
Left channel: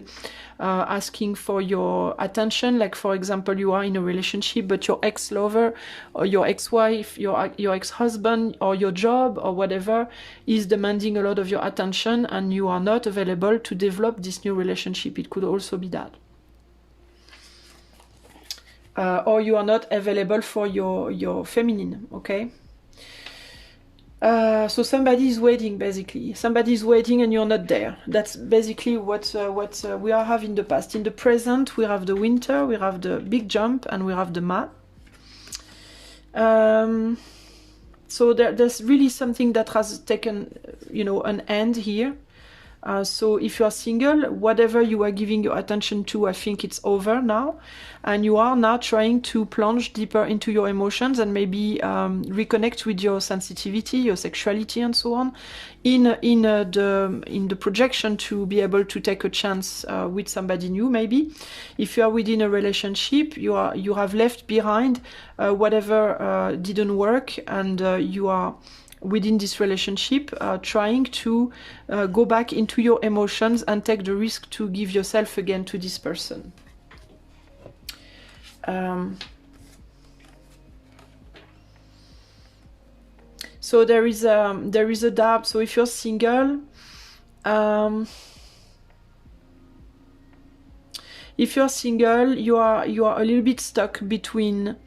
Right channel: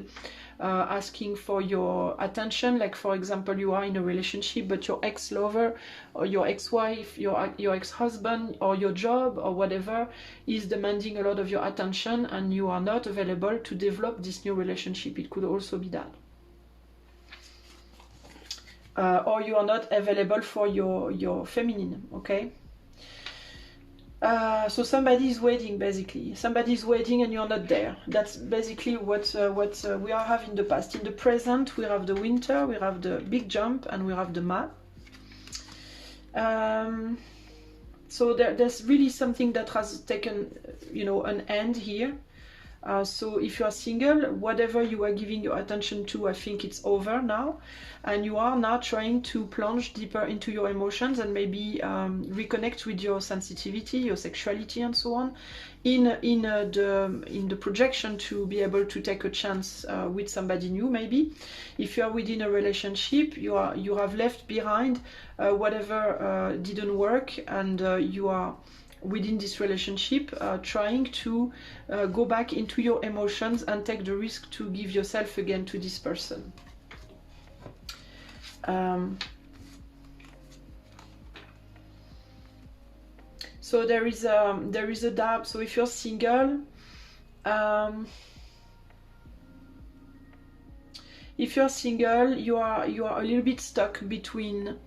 asking for your attention. Like, for example, you are in a relationship, but your ex-lover or your ex-wife, your ex-husband or your job or whatever is demanding a lot of your attention, and you are not available to develop this new relationship. It could also be that. Or you are not available for your feminine, okay? So somebody is waiting, basically. Somebody is waiting and you're not there. That's basically what we have in the past. In the present, we have the winter, we have the big jump, and we have the ma. So there's really something that has taken, you know, an end here. So if you are single, whatever you were giving your attention to, I think it's over now, and you are now trying to plunge deeper into your emotions and maybe reconnect with your sensitivity, your sexuality, and so on, in the projection to be able to take a chance with somebody new. Maybe if you are within a relationship, you have left behind whatever didn't work, and you are within this relationship trying to go back into your emotions and take the risk to give yourself again to this person. So there is a doubt. So if you're single, you are a little bit stuck between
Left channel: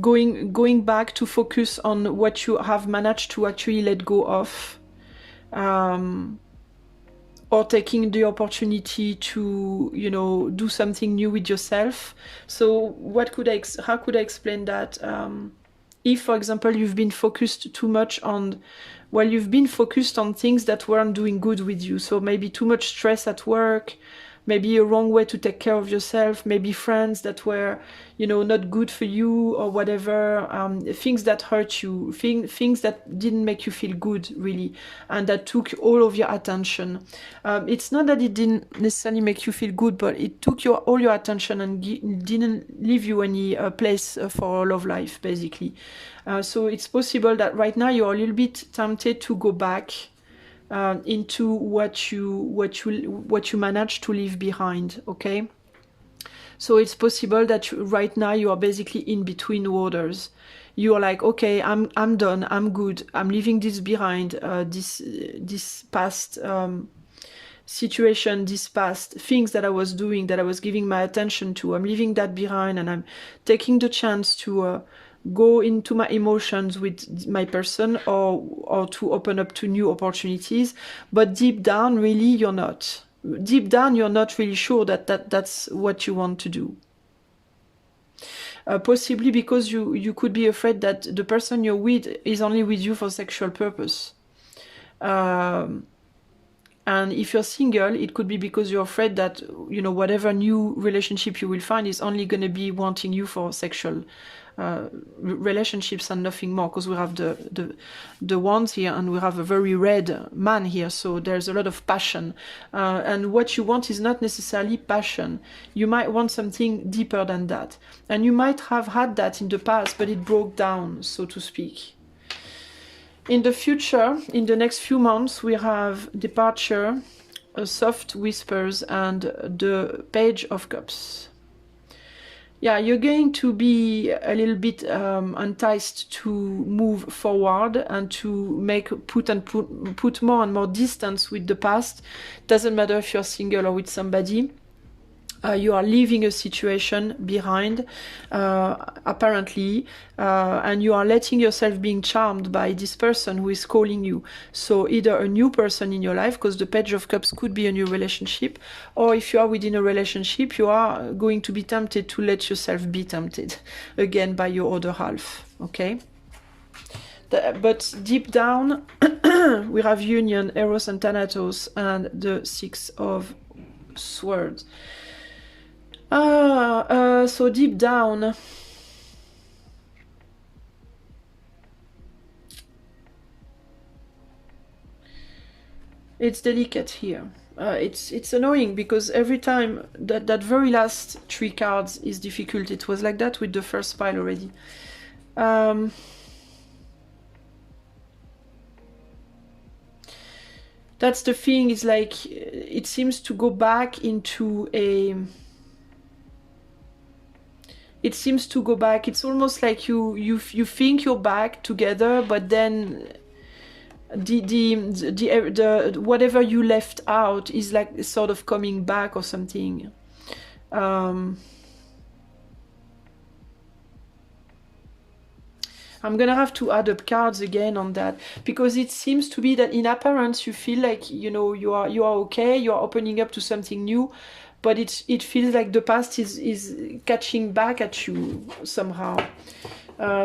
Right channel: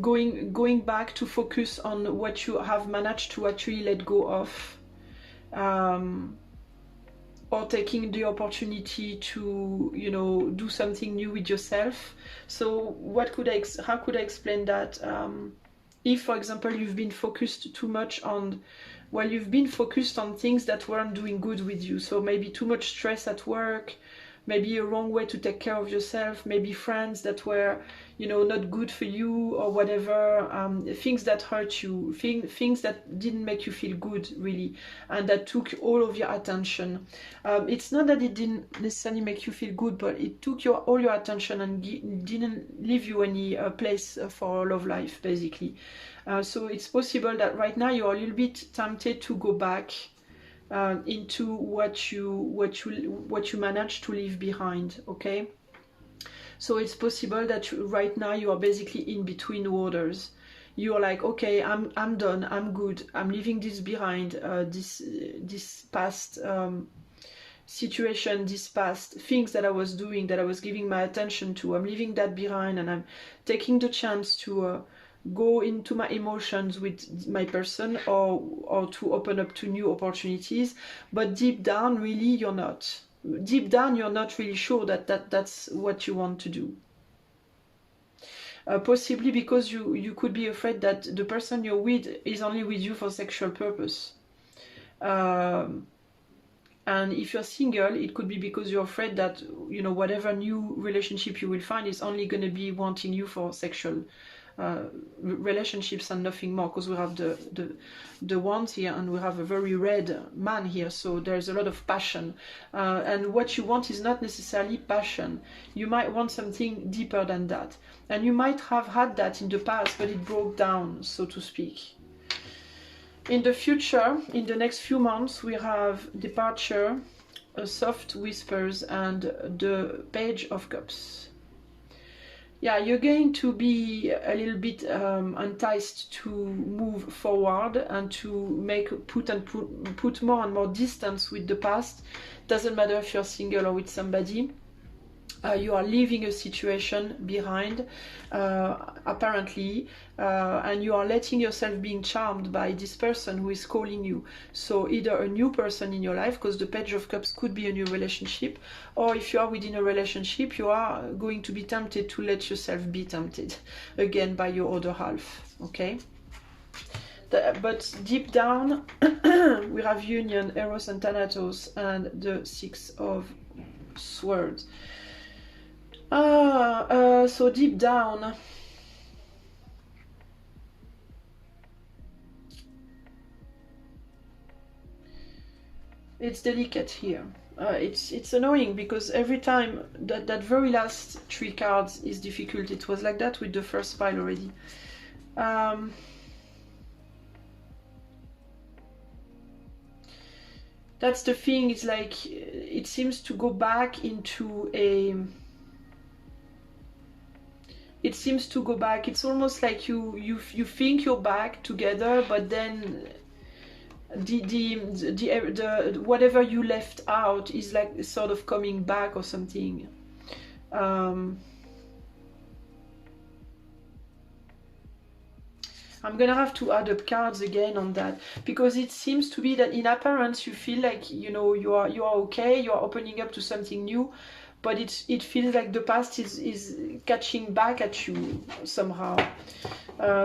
going back to focus on what you have managed to actually let go of, or taking the opportunity to, you know, do something new with yourself. So how could I explain that? If, for example, you've been focused too much on well, you've been focused on things that weren't doing good with you. So maybe too much stress at work, maybe a wrong way to take care of yourself, maybe friends that were, you know, not good for you or whatever, things that hurt you, things that didn't make you feel good, really, and that took all of your attention. It's not that it didn't necessarily make you feel good, but it took all your attention and didn't leave you any place for love life, basically. So it's possible that right now you're a little bit tempted to go back into what you managed to leave behind. Okay, so it's possible that right now you are basically in between waters. You're like, okay, I'm done, I'm good, I'm leaving this behind, this past situation, this past things that I was doing, that I was giving my attention to, I'm leaving that behind, and I'm taking the chance to go into my emotions with my person, or to open up to new opportunities. But deep down, really, you're not. Deep down, you're not really sure that's what you want to do. Possibly because you could be afraid that the person you're with is only with you for sexual purpose. And if you're single, it could be because you're afraid that, you know, whatever new relationship you will find is only going to be wanting you for sexual relationships and nothing more, because we have the wands here, and we have a very red man here, so there's a lot of passion, and what you want is not necessarily passion. You might want something deeper than that, and you might have had that in the past, but it broke down, so to speak. In the future, in the next few months, we have departure, soft whispers, and the Page of Cups. Yeah, you're going to be a little bit enticed to move forward and to put more and more distance with the past. Doesn't matter if you're single or with somebody. You are leaving a situation behind, apparently, and you are letting yourself being charmed by this person who is calling you. So either a new person in your life, because the Page of Cups could be a new relationship, or if you are within a relationship, you are going to be tempted to let yourself be tempted again by your other half, okay? But deep down, we have union, Eros and Thanatos, and the Six of Swords. So deep down, it's delicate here. It's annoying because every time that very last 3 cards is difficult. It was like that with the first pile already. That's the thing. It's like it seems to go back into a. It seems to go back. It's almost like you think you're back together, but then the whatever you left out is like sort of coming back or something. I'm gonna have to add up cards again on that, because it seems to be that in appearance you feel like, you know, you are okay, you are opening up to something new. But it feels like the past is catching back at you somehow.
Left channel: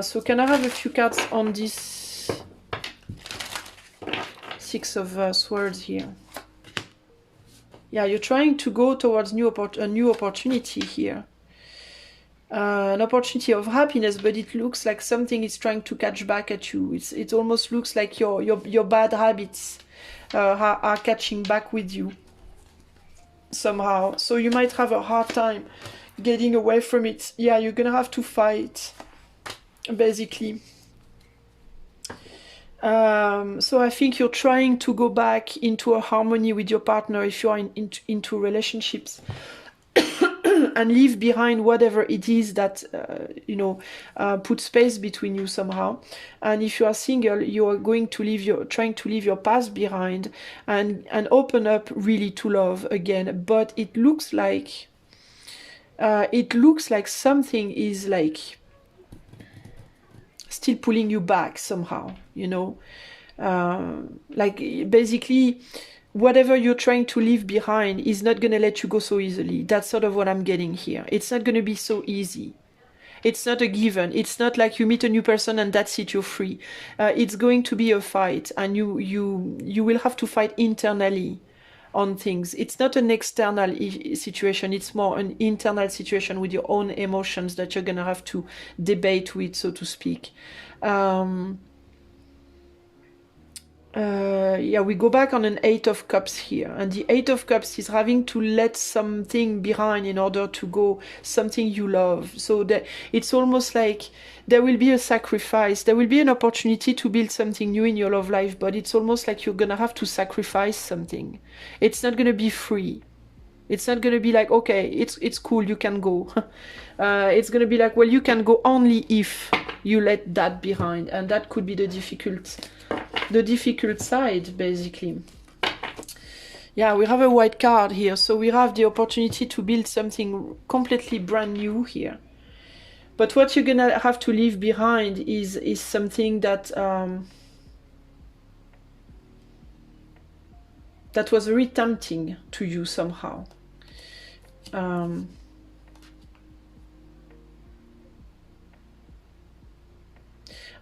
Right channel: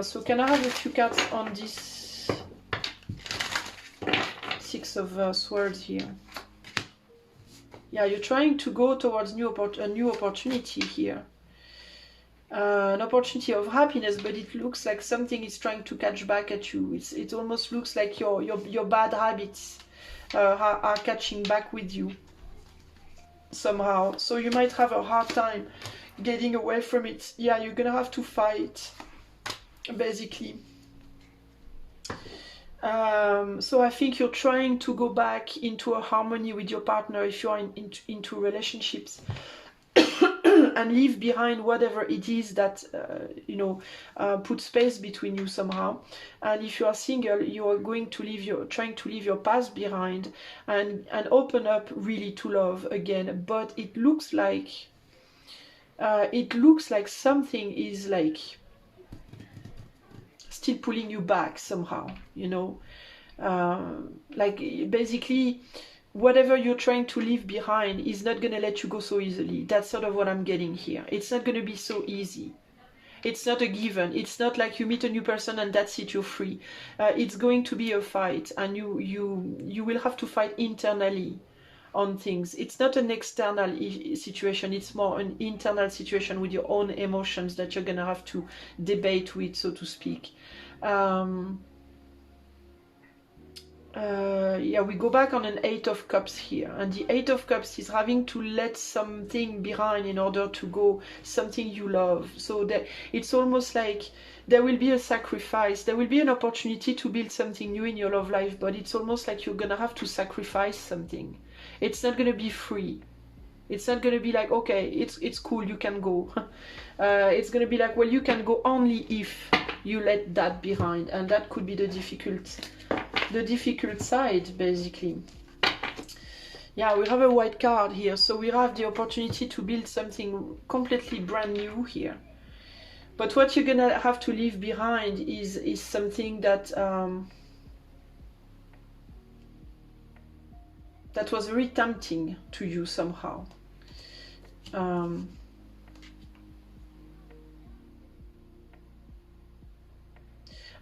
So can I have a few cards on this Six of Swords here? Yeah, you're trying to go towards a new opportunity here. An opportunity of happiness, but it looks like something is trying to catch back at you. It almost looks like your bad habits are catching back with you somehow. So you might have a hard time getting away from it. Yeah, you're gonna have to fight, basically. So I think you're trying to go back into a harmony with your partner if you're into relationships. And leave behind whatever it is that put space between you somehow. And if you are single, you are going to trying to leave your past behind and open up really to love again. But it looks like something is like still pulling you back somehow, you know, like basically whatever you're trying to leave behind is not going to let you go so easily. That's sort of what I'm getting here. It's not going to be so easy. It's not a given. It's not like you meet a new person and that's it, you're free. It's going to be a fight, and you will have to fight internally on things. It's not an external situation, it's more an internal situation with your own emotions that you're gonna have to debate with, so to speak. Yeah, we go back on an 8 of Cups here, and the 8 of Cups is having to let something behind in order to go something you love. So that it's almost like there will be a sacrifice, there will be an opportunity to build something new in your love life, but it's almost like you're gonna have to sacrifice something. It's not gonna be free. It's not gonna be like, okay, it's cool, you can go. It's gonna be like, well, you can go only if you let that behind, and that could be the difficult side, basically. Yeah, we have a white card here, so we have the opportunity to build something completely brand new here. But what you're gonna have to leave behind is something that that was very tempting to you somehow.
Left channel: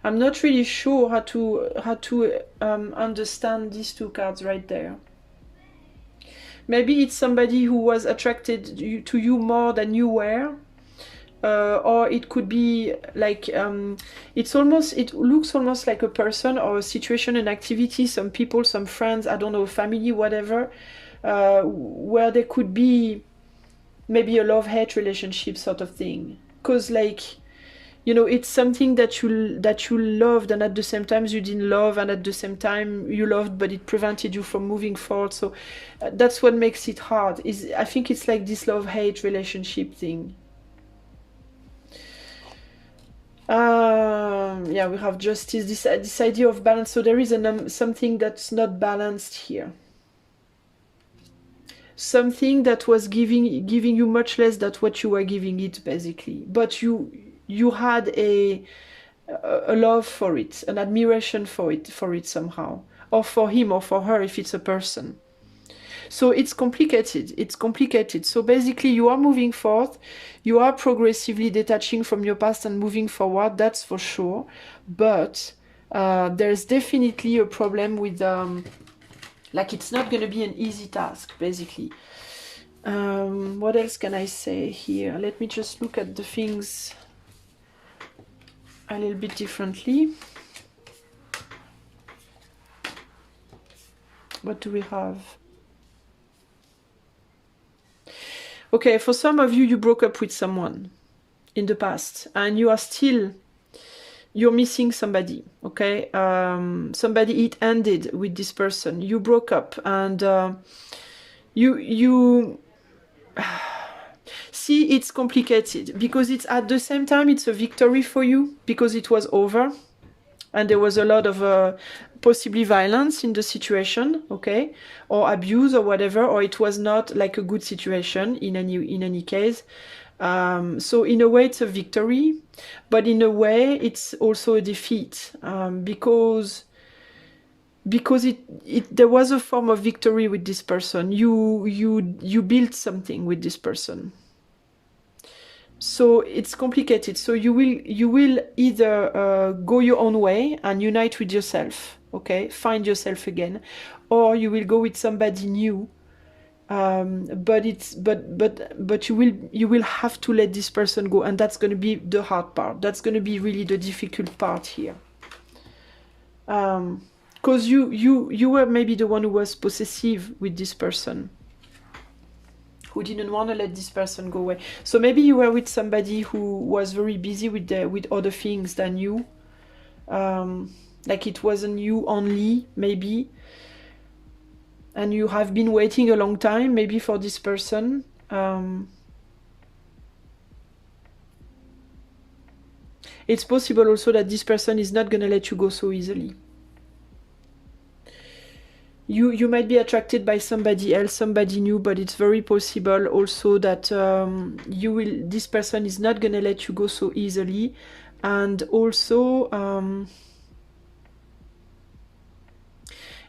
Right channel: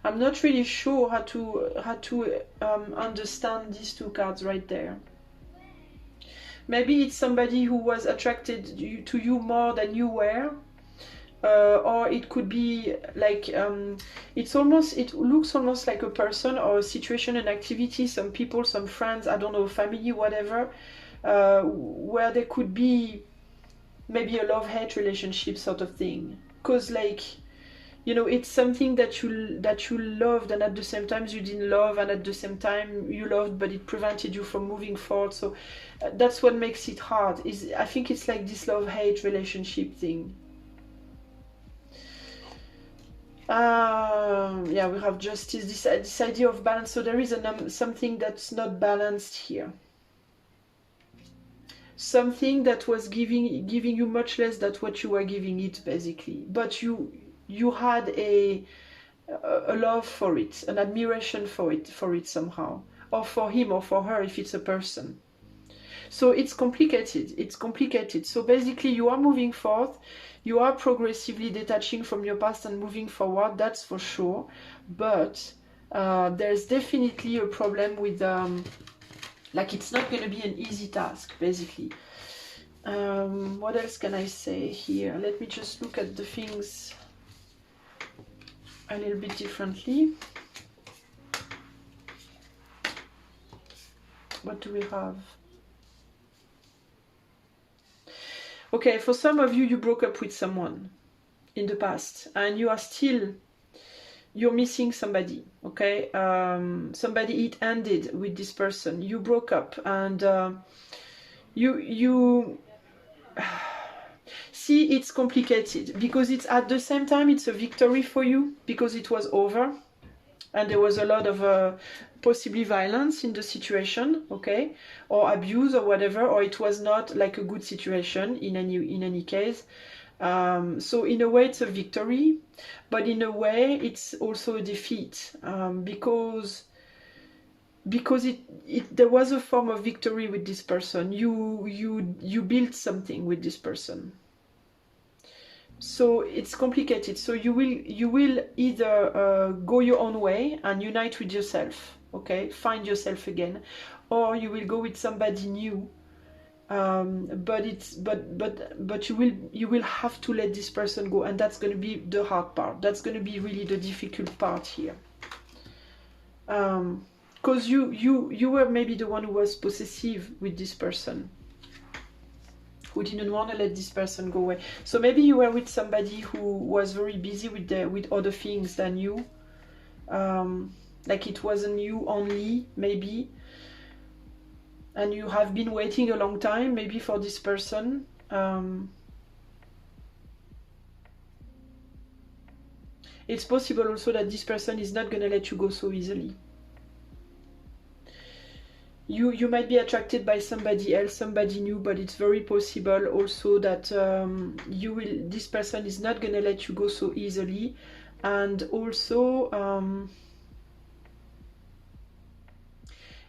I'm not really sure how to understand these two cards right there. Maybe it's somebody who was attracted to you more than you were, or it could be like it looks almost like a person or a situation, an activity, some people, some friends, I don't know, family, whatever, where there could be maybe a love-hate relationship sort of thing, because like, you know, it's something that you loved, and at the same time you didn't love, and at the same time you loved, but it prevented you from moving forward. So that's what makes it hard. I think it's like this love-hate relationship thing. Yeah, we have justice, this idea of balance. So there is something that's not balanced here. Something that was giving you much less than what you were giving it, basically. But you had a love for it, an admiration for it somehow, or for him or for her if it's a person. So it's complicated. So basically you are moving forth, you are progressively detaching from your past and moving forward, that's for sure. But there's definitely a problem with like, it's not going to be an easy task, basically. What else can I say here? Let me just look at the things a little bit differently. What do we have? Okay, for some of you, you broke up with someone in the past, and you're missing somebody, okay? Somebody, it ended with this person. You broke up, and you see, it's complicated, because it's at the same time, it's a victory for you, because it was over, and there was a lot of possibly violence in the situation, okay, or abuse or whatever, or it was not like a good situation in any case. So in a way it's a victory, but in a way it's also a defeat, because there was a form of victory with this person. You built something with this person. So it's complicated. So you will either go your own way and unite with yourself, okay, find yourself again, or you will go with somebody new. But you will have to let this person go, and that's going to be the hard part. That's going to be really the difficult part here, because you were maybe the one who was possessive with this person, who didn't want to let this person go away. So maybe you were with somebody who was very busy with other things than you, like it wasn't you only, maybe. And you have been waiting a long time, maybe, for this person. It's possible also that this person is not going to let you go so easily. You might be attracted by somebody else, somebody new, but it's very possible also that this person is not going to let you go so easily. And also,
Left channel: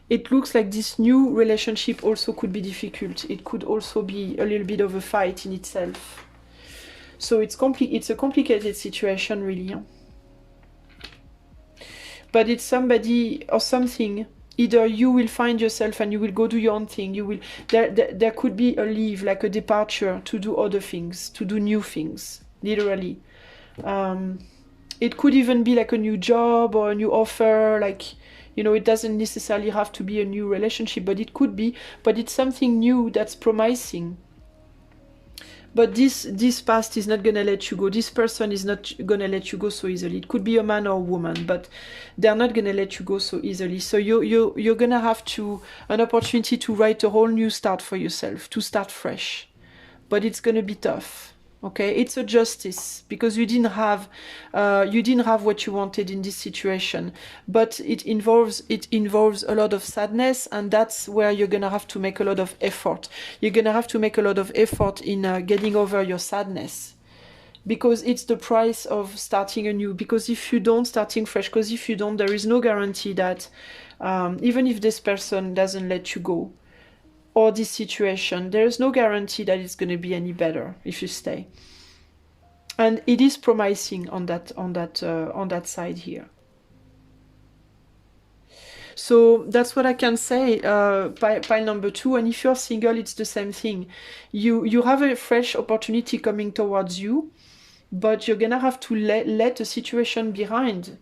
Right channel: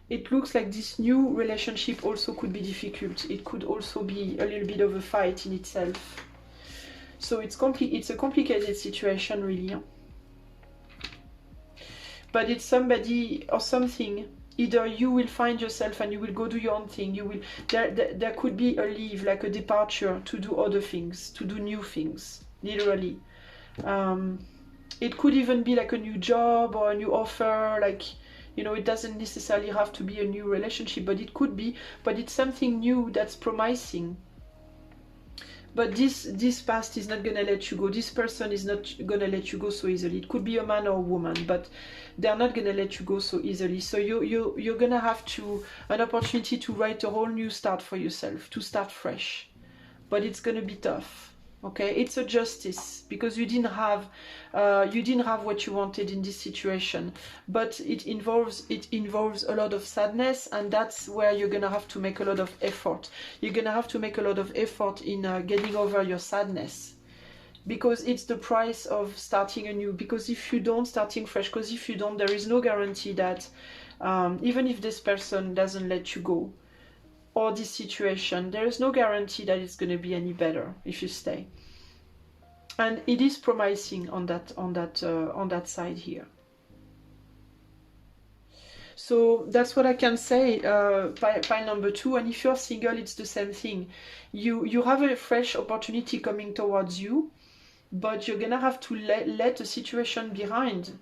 it looks like this new relationship also could be difficult. It could also be a little bit of a fight in itself. So it's a complicated situation, really. But it's somebody or something. Either you will find yourself and you will go do your own thing. You will there could be a leave, like a departure to do other things, to do new things, literally. It could even be like a new job or a new offer, like, you know, it doesn't necessarily have to be a new relationship, but it could be, but it's something new that's promising. But this past is not gonna let you go. This person is not gonna let you go so easily. It could be a man or a woman, but they're not gonna let you go so easily. So you're gonna have an opportunity to write a whole new start for yourself, to start fresh. But it's gonna be tough. Okay, it's a justice, because you didn't have what you wanted in this situation, but it involves a lot of sadness, and that's where you're gonna have to make a lot of effort. You're gonna have to make a lot of effort in getting over your sadness, because it's the price of starting anew. Because if you don't, starting fresh, because if you don't, there is no guarantee that even if this person doesn't let you go, or this situation, there is no guarantee that it's going to be any better if you stay. And it is promising on that side here. So that's what I can say, pile number 2. And if you're single, it's the same thing. You have a fresh opportunity coming towards you, but you're gonna have to let a situation behind.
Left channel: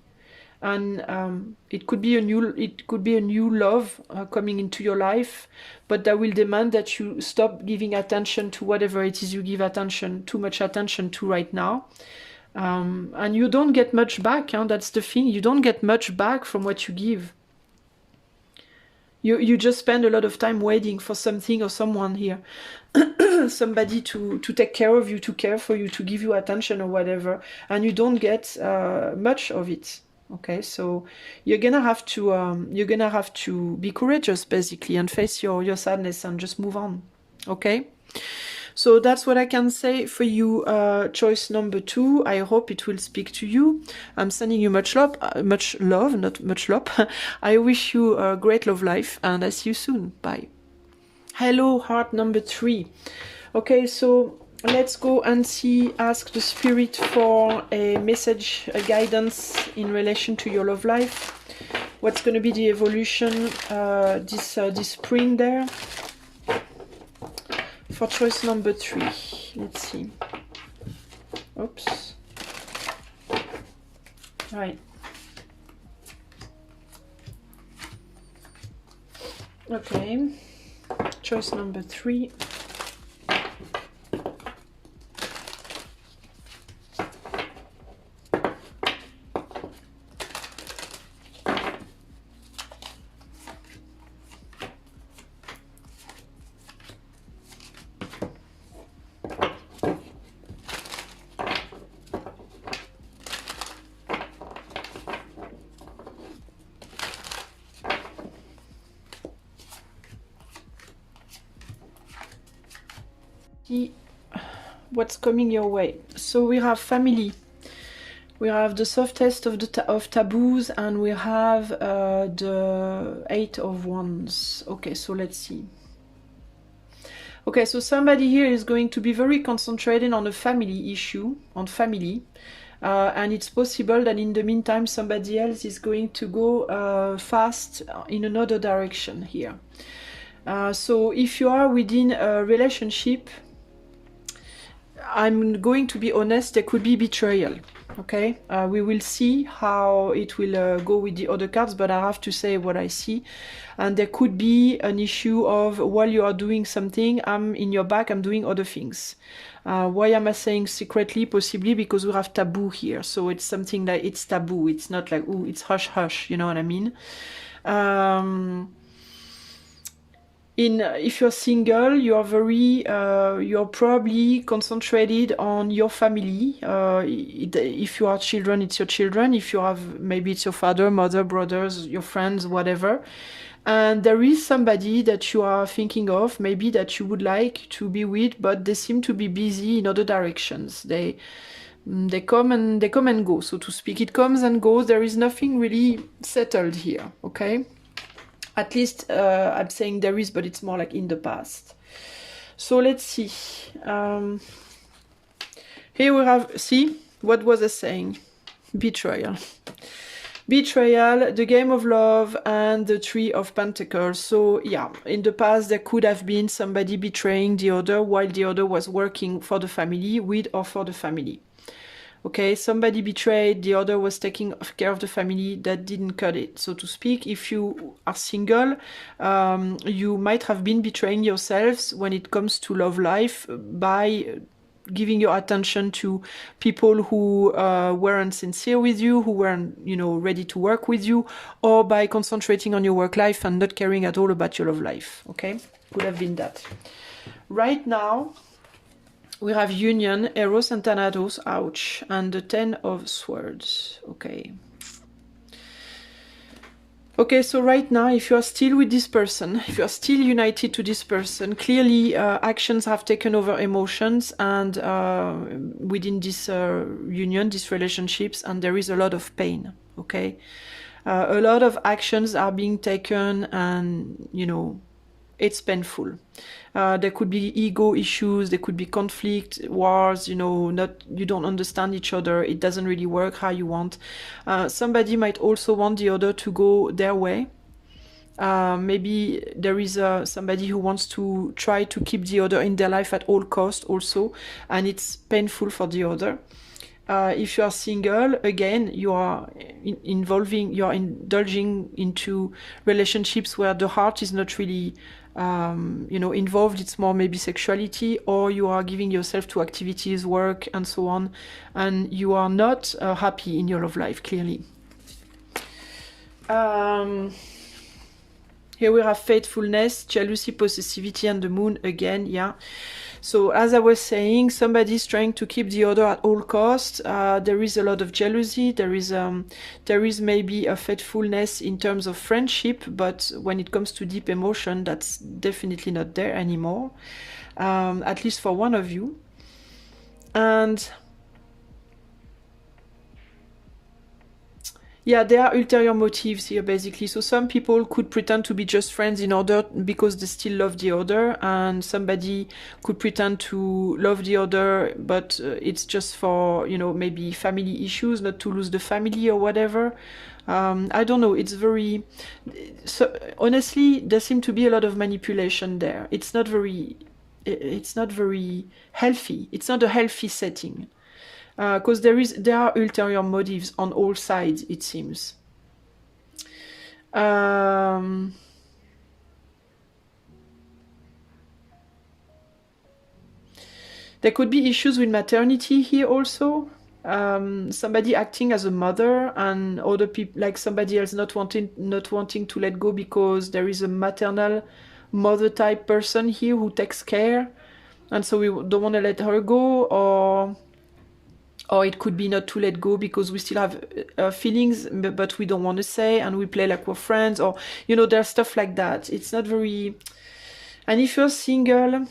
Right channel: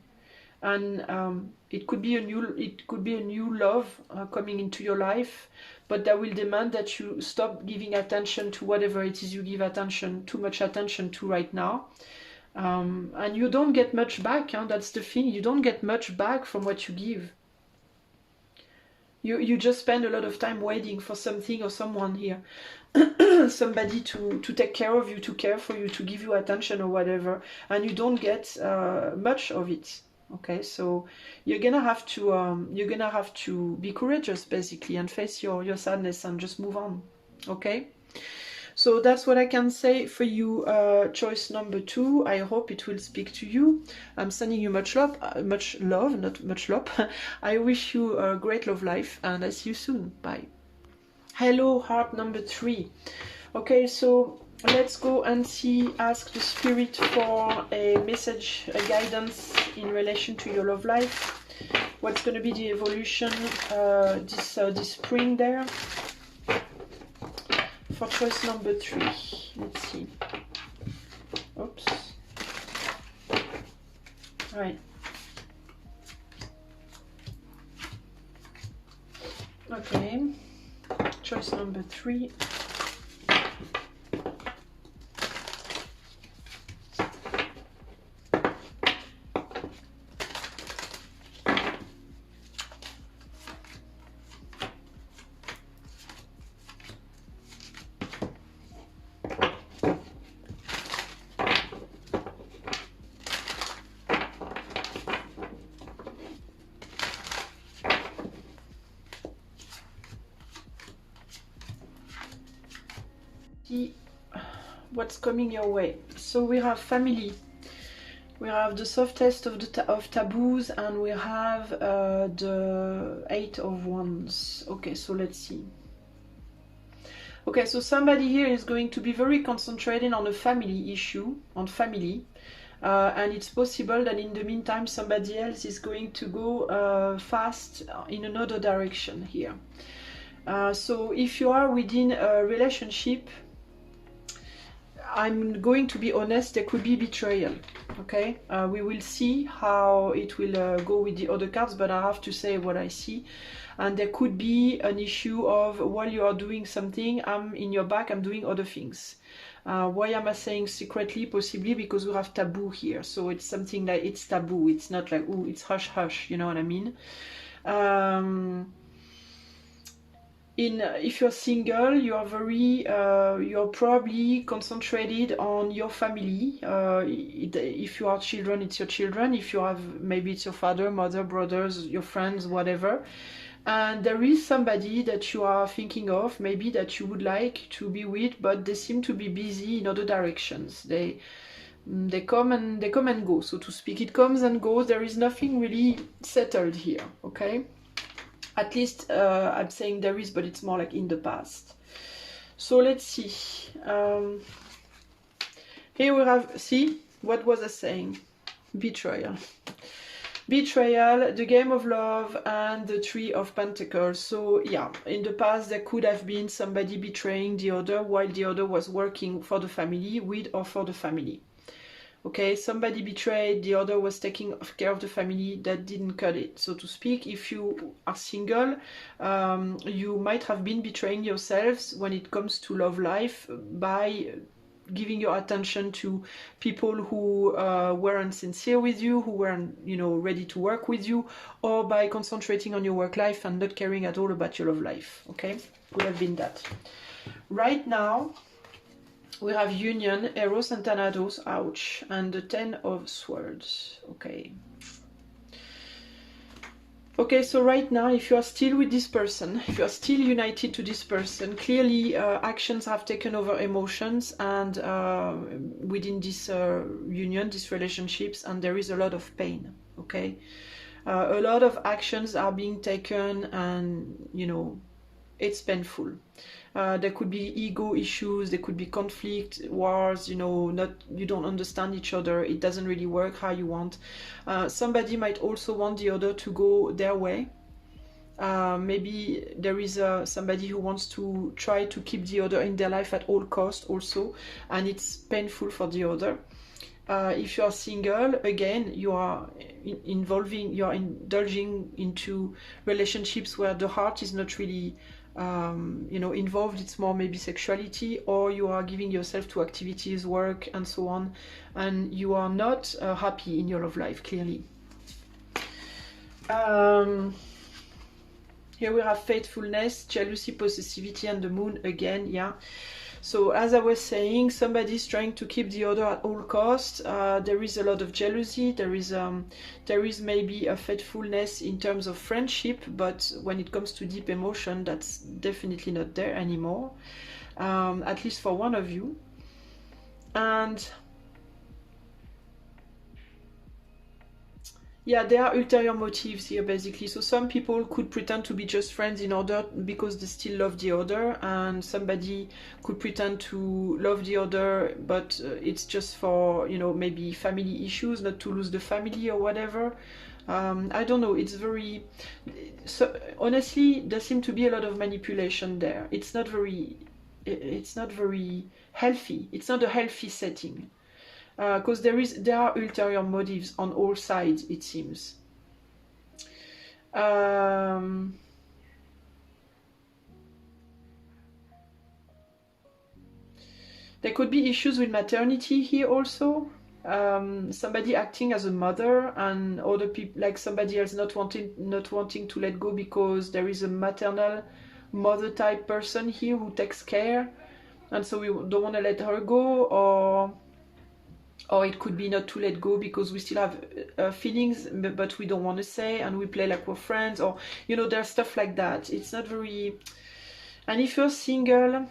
And it could be a new love coming into your life, but that will demand that you stop giving attention to whatever it is you give too much attention to right now. And you don't get much back, that's the thing. You don't get much back from what you give. You just spend a lot of time waiting for something or someone here. Somebody to take care of you, to care for you, to give you attention or whatever, and you don't get much of it. Okay, so you're gonna have to be courageous, basically, and face your sadness and just move on. Okay, so that's what I can say for you, choice number 2. I hope it will speak to you. I'm sending you much love, not much love. I wish you a great love life, and I see you soon. Bye. Hello, heart number 3. Okay, so let's go and ask the spirit for a message, a guidance in relation to your love life. What's going to be the evolution this spring there? For choice number 3. Let's see. Oops. Right. Okay. Choice number 3. What's coming your way. So we have family, we have the softest of taboos, and we have the 8 of Wands. Okay, so let's see. Okay, so somebody here is going to be very concentrated on a family issue, on family, and it's possible that in the meantime somebody else is going to go fast in another direction here. So if you are within a relationship, I'm going to be honest, there could be betrayal. Okay, we will see how it will go with the other cards, but I have to say what I see. And there could be an issue of, while you are doing something, I'm in your back, I'm doing other things. Why am I saying secretly? Possibly because we have taboo here. So it's something that it's taboo. It's not like, ooh, it's hush hush, you know what I mean? If you're single, you're you're probably concentrated on your family. If you are children, it's your children. If you have, maybe it's your father, mother, brothers, your friends, whatever. And there is somebody that you are thinking of, maybe that you would like to be with, but they seem to be busy in other directions. They come and go, so to speak. It comes and goes. There is nothing really settled here. Okay. At least I'm saying there is, but it's more like in the past. So let's see. Here we have, see, what was I saying? Betrayal. Betrayal, the game of love, and the Three of Pentacles. So yeah, in the past there could have been somebody betraying the other while the other was working for the family, with or for the family. Okay, somebody betrayed, the other was taking care of the family, that didn't cut it, so to speak. If you are single, you might have been betraying yourselves when it comes to love life by giving your attention to people who weren't sincere with you, who weren't, you know, ready to work with you, or by concentrating on your work life and not caring at all about your love life. Okay, could have been that. Right now we have Union, Eros and Thanatos, ouch, and the Ten of Swords. Okay. Okay, so right now, if you are still with this person, if you are still united to this person, clearly actions have taken over emotions, and within this union, these relationships, and there is a lot of pain, okay? A lot of actions are being taken, and, you know, it's painful. There could be ego issues, there could be conflict, wars, you know, you don't understand each other, it doesn't really work how you want. Somebody might also want the other to go their way. Maybe there is somebody who wants to try to keep the other in their life at all costs also, and it's painful for the other. If you are single, again, you are indulging into relationships where the heart is not really you know, involved. It's more maybe sexuality, or you are giving yourself to activities, work, and so on, and you are not happy in your love life, clearly. Here we have faithfulness, jealousy, possessivity, and the moon again, yeah. So as I was saying, somebody's trying to keep the other at all costs. There is a lot of jealousy. There is maybe a faithfulness in terms of friendship, but when it comes to deep emotion, that's definitely not there anymore. At least for one of you. And yeah, there are ulterior motives here, basically. So some people could pretend to be just friends in order because they still love the other, and somebody could pretend to love the other, but it's just for, you know, maybe family issues, not to lose the family or whatever. I don't know. It's very... So honestly, there seems to be a lot of manipulation there. It's not very healthy. It's not a healthy setting. Because there are ulterior motives on all sides, it seems. There could be issues with maternity here also. Somebody acting as a mother, and other people, like somebody else not wanting to let go because there is a maternal mother type person here who takes care, and so we don't want to let her go, or it could be not to let go because we still have feelings, but we don't want to say, and we play like we're friends, or, you know, there's stuff like that. It's not very... And if you're single,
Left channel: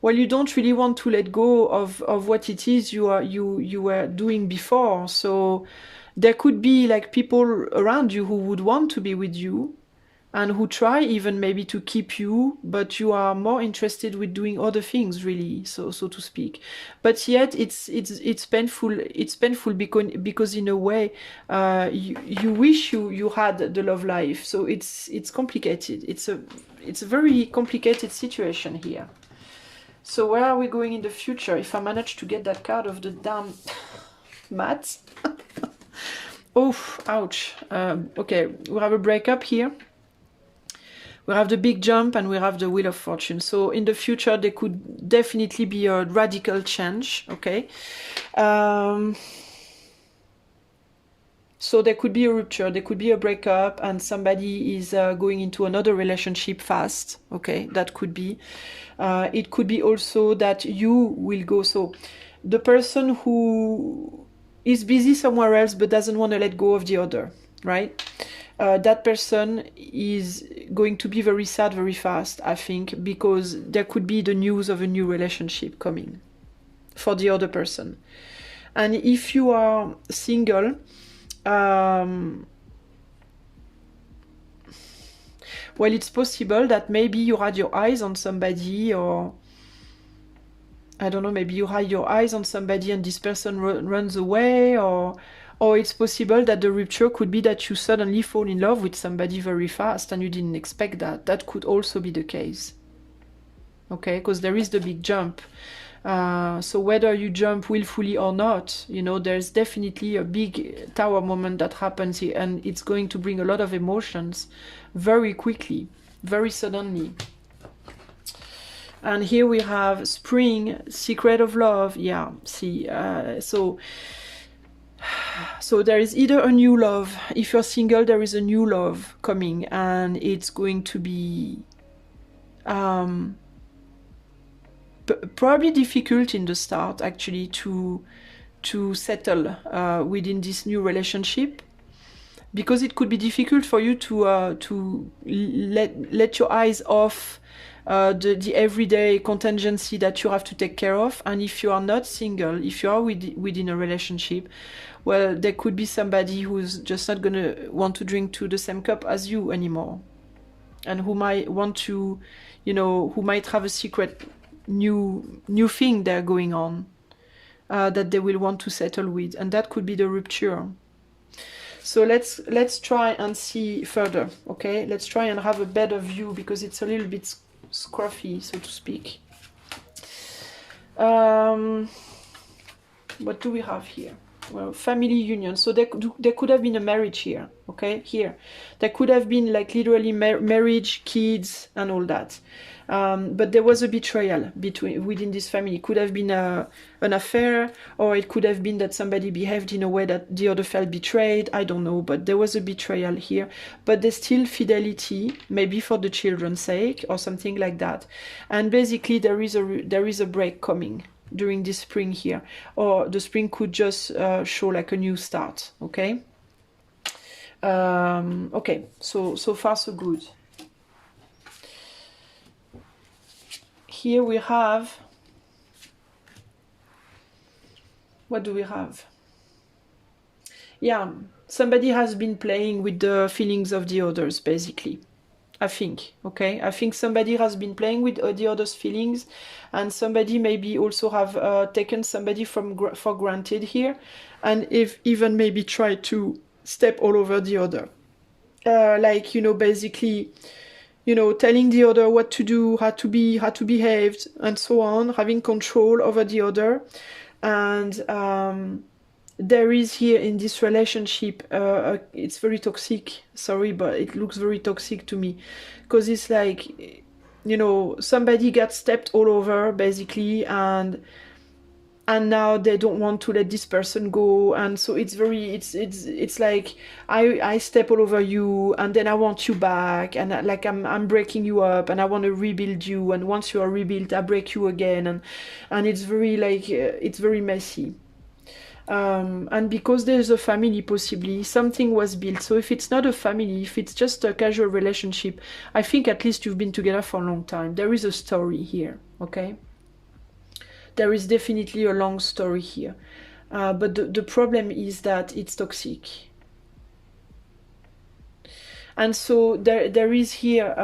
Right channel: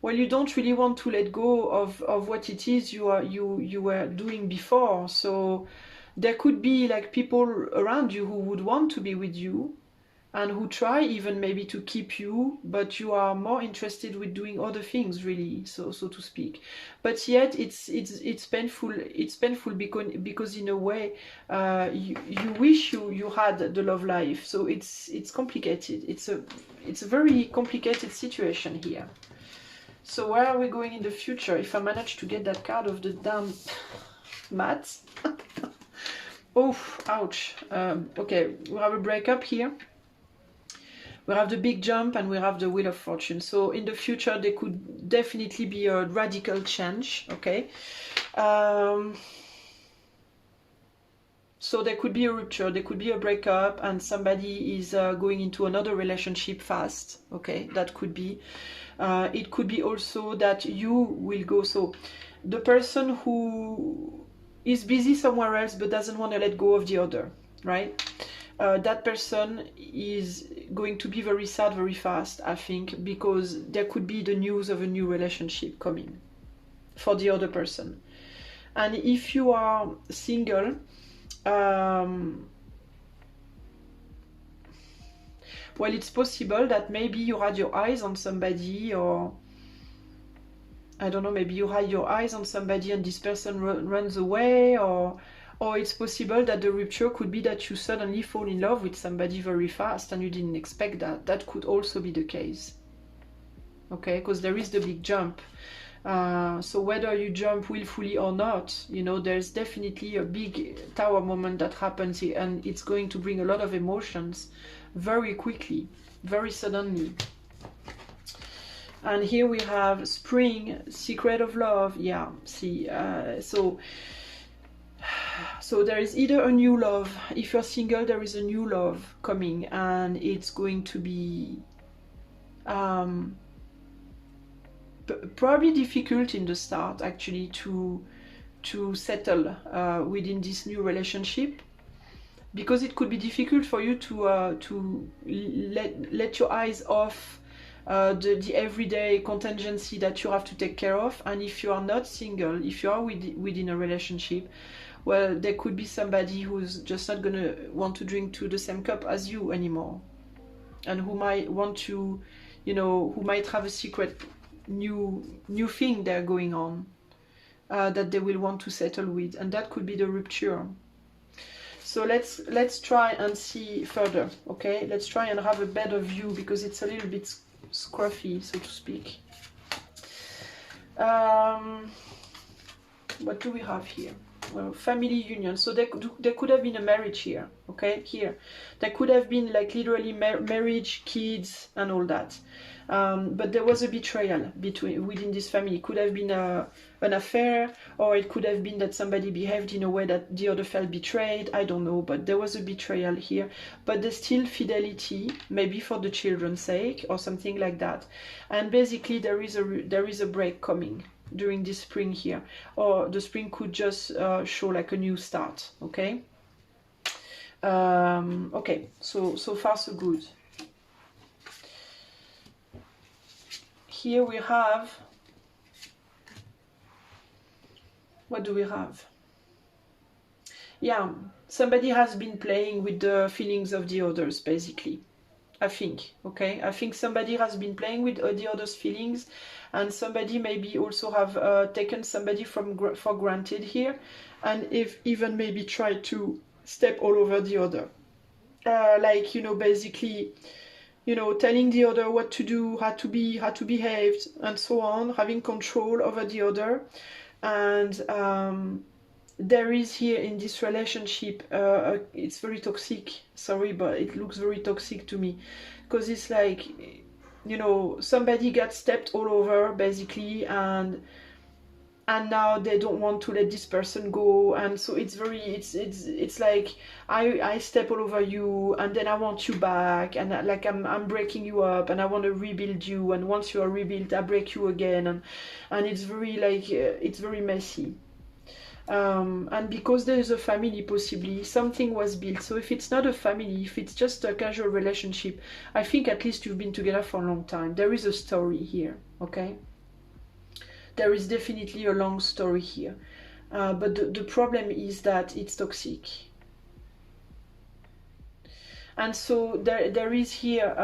well, you don't really want to let go of what it is you were doing before. So there could be like people around you who would want to be with you, and who try even maybe to keep you, but you are more interested with doing other things, really, so to speak. But yet it's painful. It's painful because in a way you wish you had the love life. So it's complicated. It's a very complicated situation here. So where are we going in the future? If I manage to get that card of the damn mat. Oh, ouch. Okay, we have a breakup here. We have the big jump, and we have the Wheel of Fortune. So in the future, there could definitely be a radical change, okay? So there could be a rupture, there could be a breakup, and somebody is going into another relationship fast, okay? That could be. It could be also that you will go. So the person who is busy somewhere else but doesn't want to let go of the other, right? That person is going to be very sad very fast, I think, because there could be the news of a new relationship coming for the other person. And if you are single, well, it's possible that maybe you had your eyes on somebody, or I don't know, maybe you hide your eyes on somebody and this person runs away, or it's possible that the rupture could be that you suddenly fall in love with somebody very fast and you didn't expect that. That could also be the case. Okay, because there is the big jump. So whether you jump willfully or not, you know, there's definitely a big tower moment that happens here, and it's going to bring a lot of emotions very quickly, very suddenly. And here we have spring, secret of love. Yeah, see, so there is either a new love. If you're single, there is a new love coming, and it's going to be probably difficult in the start, actually, to settle within this new relationship, because it could be difficult for you to let your eyes off the everyday contingency that you have to take care of. And if you are not single, if you are within a relationship, well, there could be somebody who's just not gonna want to drink to the same cup as you anymore, and who might want to, you know, who might have a secret new thing they're going on that they will want to settle with, and that could be the rupture. So let's try and see further. Okay, let's try and have a better view, because it's a little bit scruffy, so to speak. What do we have here? Well, family union. So there could have been a marriage here. Okay, here there could have been like literally marriage, kids, and all that. But there was a betrayal within this family. It could have been an affair, or it could have been that somebody behaved in a way that the other felt betrayed. I don't know, but there was a betrayal here. But there's still fidelity, maybe for the children's sake or something like that. And basically there is a break coming during this spring here, or the spring could just show like a new start. Okay. Okay. So far so good. Here we have, what do we have? Yeah, somebody has been playing with the feelings of the others, basically. I think, okay? I think somebody has been playing with the others' feelings, and somebody maybe also have taken somebody for granted here, and if even maybe tried to step all over the other. Like, you know, basically, you know, telling the other what to do, how to behave, and so on, having control over the other. And there is here in this relationship, it's very toxic, sorry, but it looks very toxic to me, because it's like, you know, somebody got stepped all over, basically, and now they don't want to let this person go, and so it's like I step all over you, and then I want you back, and like I'm breaking you up, and I want to rebuild you, and once you are rebuilt I break you again, and it's very like it's very messy. And because there's a family, possibly something was built. So if it's not a family, if it's just a casual relationship, I think at least you've been together for a long time. There is a story here, okay? There is definitely a long story here. But the problem is that it's toxic. And so there is here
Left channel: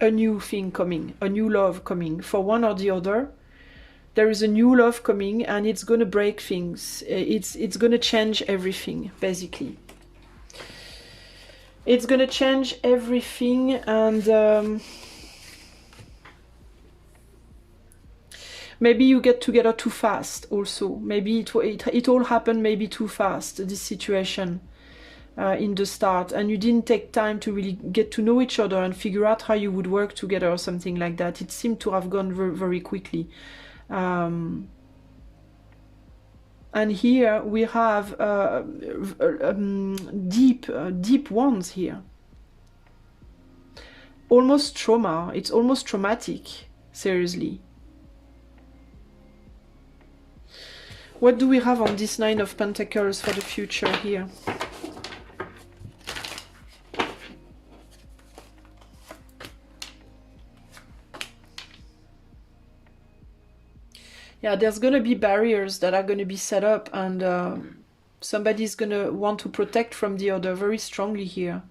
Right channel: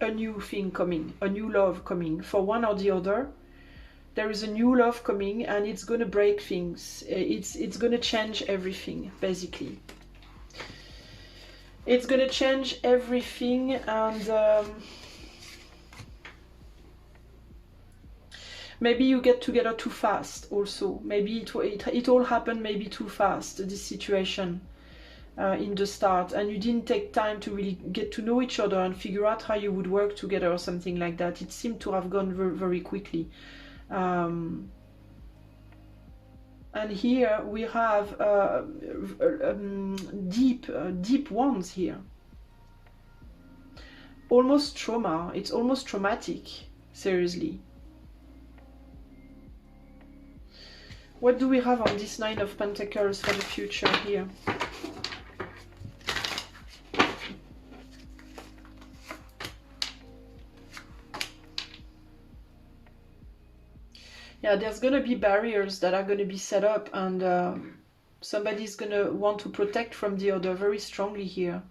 a new thing coming, a new love coming for one or the other. There is a new love coming, and it's going to break things. It's going to change everything, basically. It's going to change everything, and maybe you get together too fast also. Maybe it all happened maybe too fast, this situation in the start, and you didn't take time to really get to know each other and figure out how you would work together or something like that. It seemed to have gone very, very quickly. And here we have deep wounds here. Almost trauma. It's almost traumatic, seriously. What do we have on this Nine of Pentacles for the future here? Yeah, there's going to be barriers that are going to be set up, and somebody's going to want to protect from the other very strongly here.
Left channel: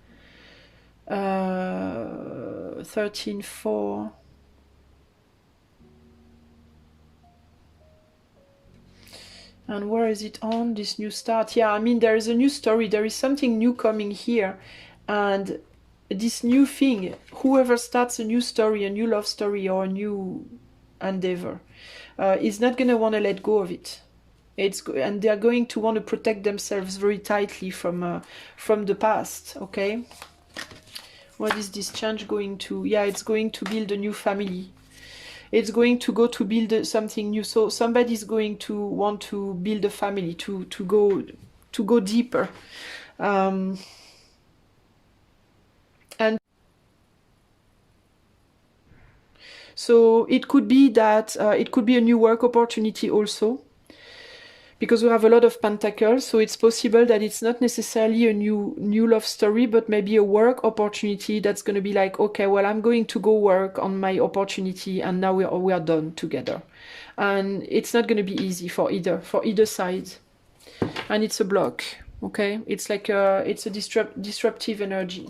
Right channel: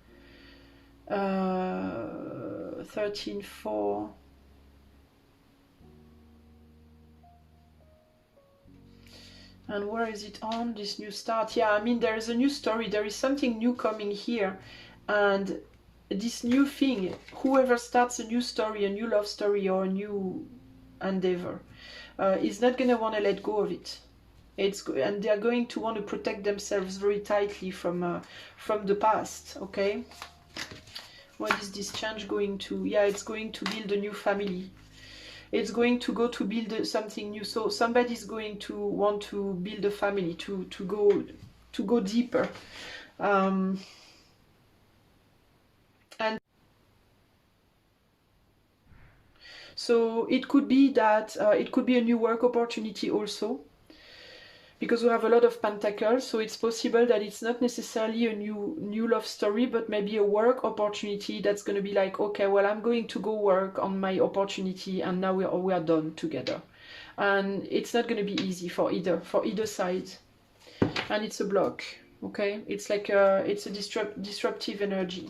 13-4. And where is it on, this new start? Yeah, I mean, there is a new story. There is something new coming here. And this new thing, whoever starts a new story, a new love story, or a new endeavor, is not going to want to let go of it. And they're going to want to protect themselves very tightly from the past, okay? What is this change going to? Yeah, it's going to build a new family. It's going to go to build something new. So somebody's going to want to build a family, to go deeper. And so it could be that it could be a new work opportunity also, because we have a lot of pentacles. So it's possible that it's not necessarily a new love story, but maybe a work opportunity that's going to be like, okay, well, I'm going to go work on my opportunity, and now we are done together. And it's not going to be easy for either side. And it's a block, okay? It's like it's a disruptive energy.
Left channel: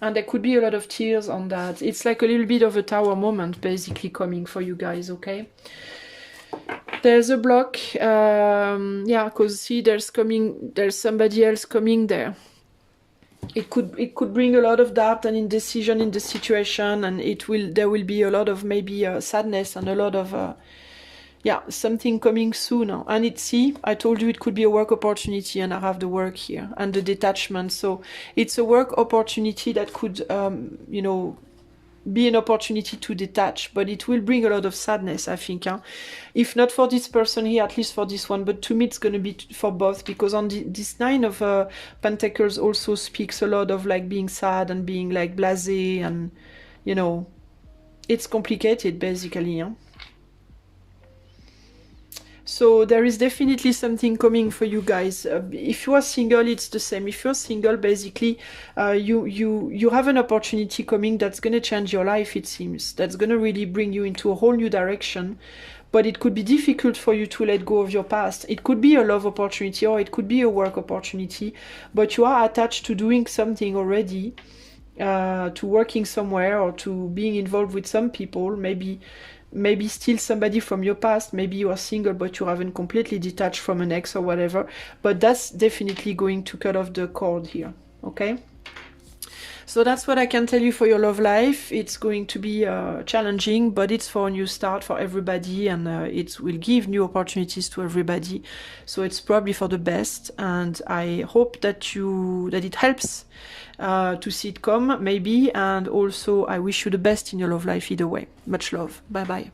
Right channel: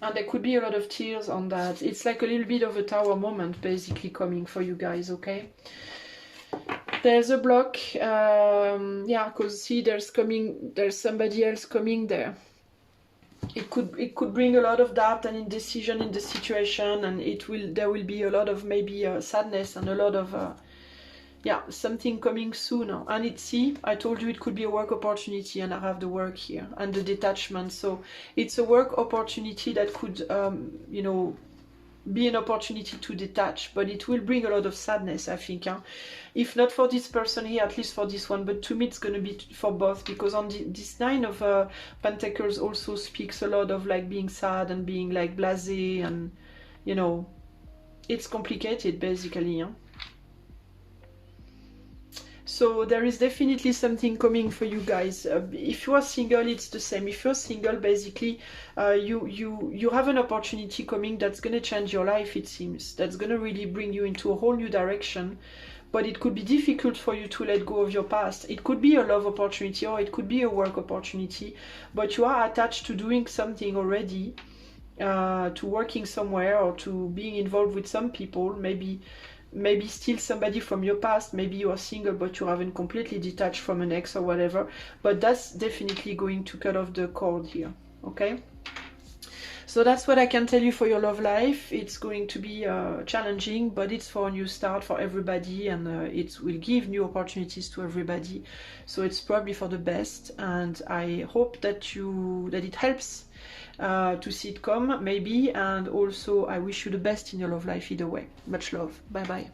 And there could be a lot of tears on that. It's like a little bit of a tower moment basically coming for you guys, okay? There's a block, yeah, because see, there's somebody else coming there. It could bring a lot of doubt and indecision in the situation, and there will be a lot of maybe sadness and a lot of yeah, something coming soon. And see, I told you it could be a work opportunity, and I have the work here and the detachment. So it's a work opportunity that could you know, be an opportunity to detach, but it will bring a lot of sadness, I think. If not for this person here, at least for this one. But to me, it's going to be for both, because on this Nine of Pentacles also speaks a lot of like being sad and being like blasé, and you know, it's complicated basically. So there is definitely something coming for you guys. If you are single, it's the same. If you're single, basically, you have an opportunity coming that's going to change your life, it seems. That's going to really bring you into a whole new direction. But it could be difficult for you to let go of your past. It could be a love opportunity, or it could be a work opportunity. But you are attached to doing something already, to working somewhere, or to being involved with some people, maybe still somebody from your past. Maybe you are single, but you haven't completely detached from an ex or whatever. But that's definitely going to cut off the cord here, okay? So that's what I can tell you for your love life. It's going to be challenging, but it's for a new start for everybody, and it will give new opportunities to everybody. So it's probably for the best, and I hope that it helps to see it come, maybe. And also I wish you the best in your love life either way. Much love. Bye bye.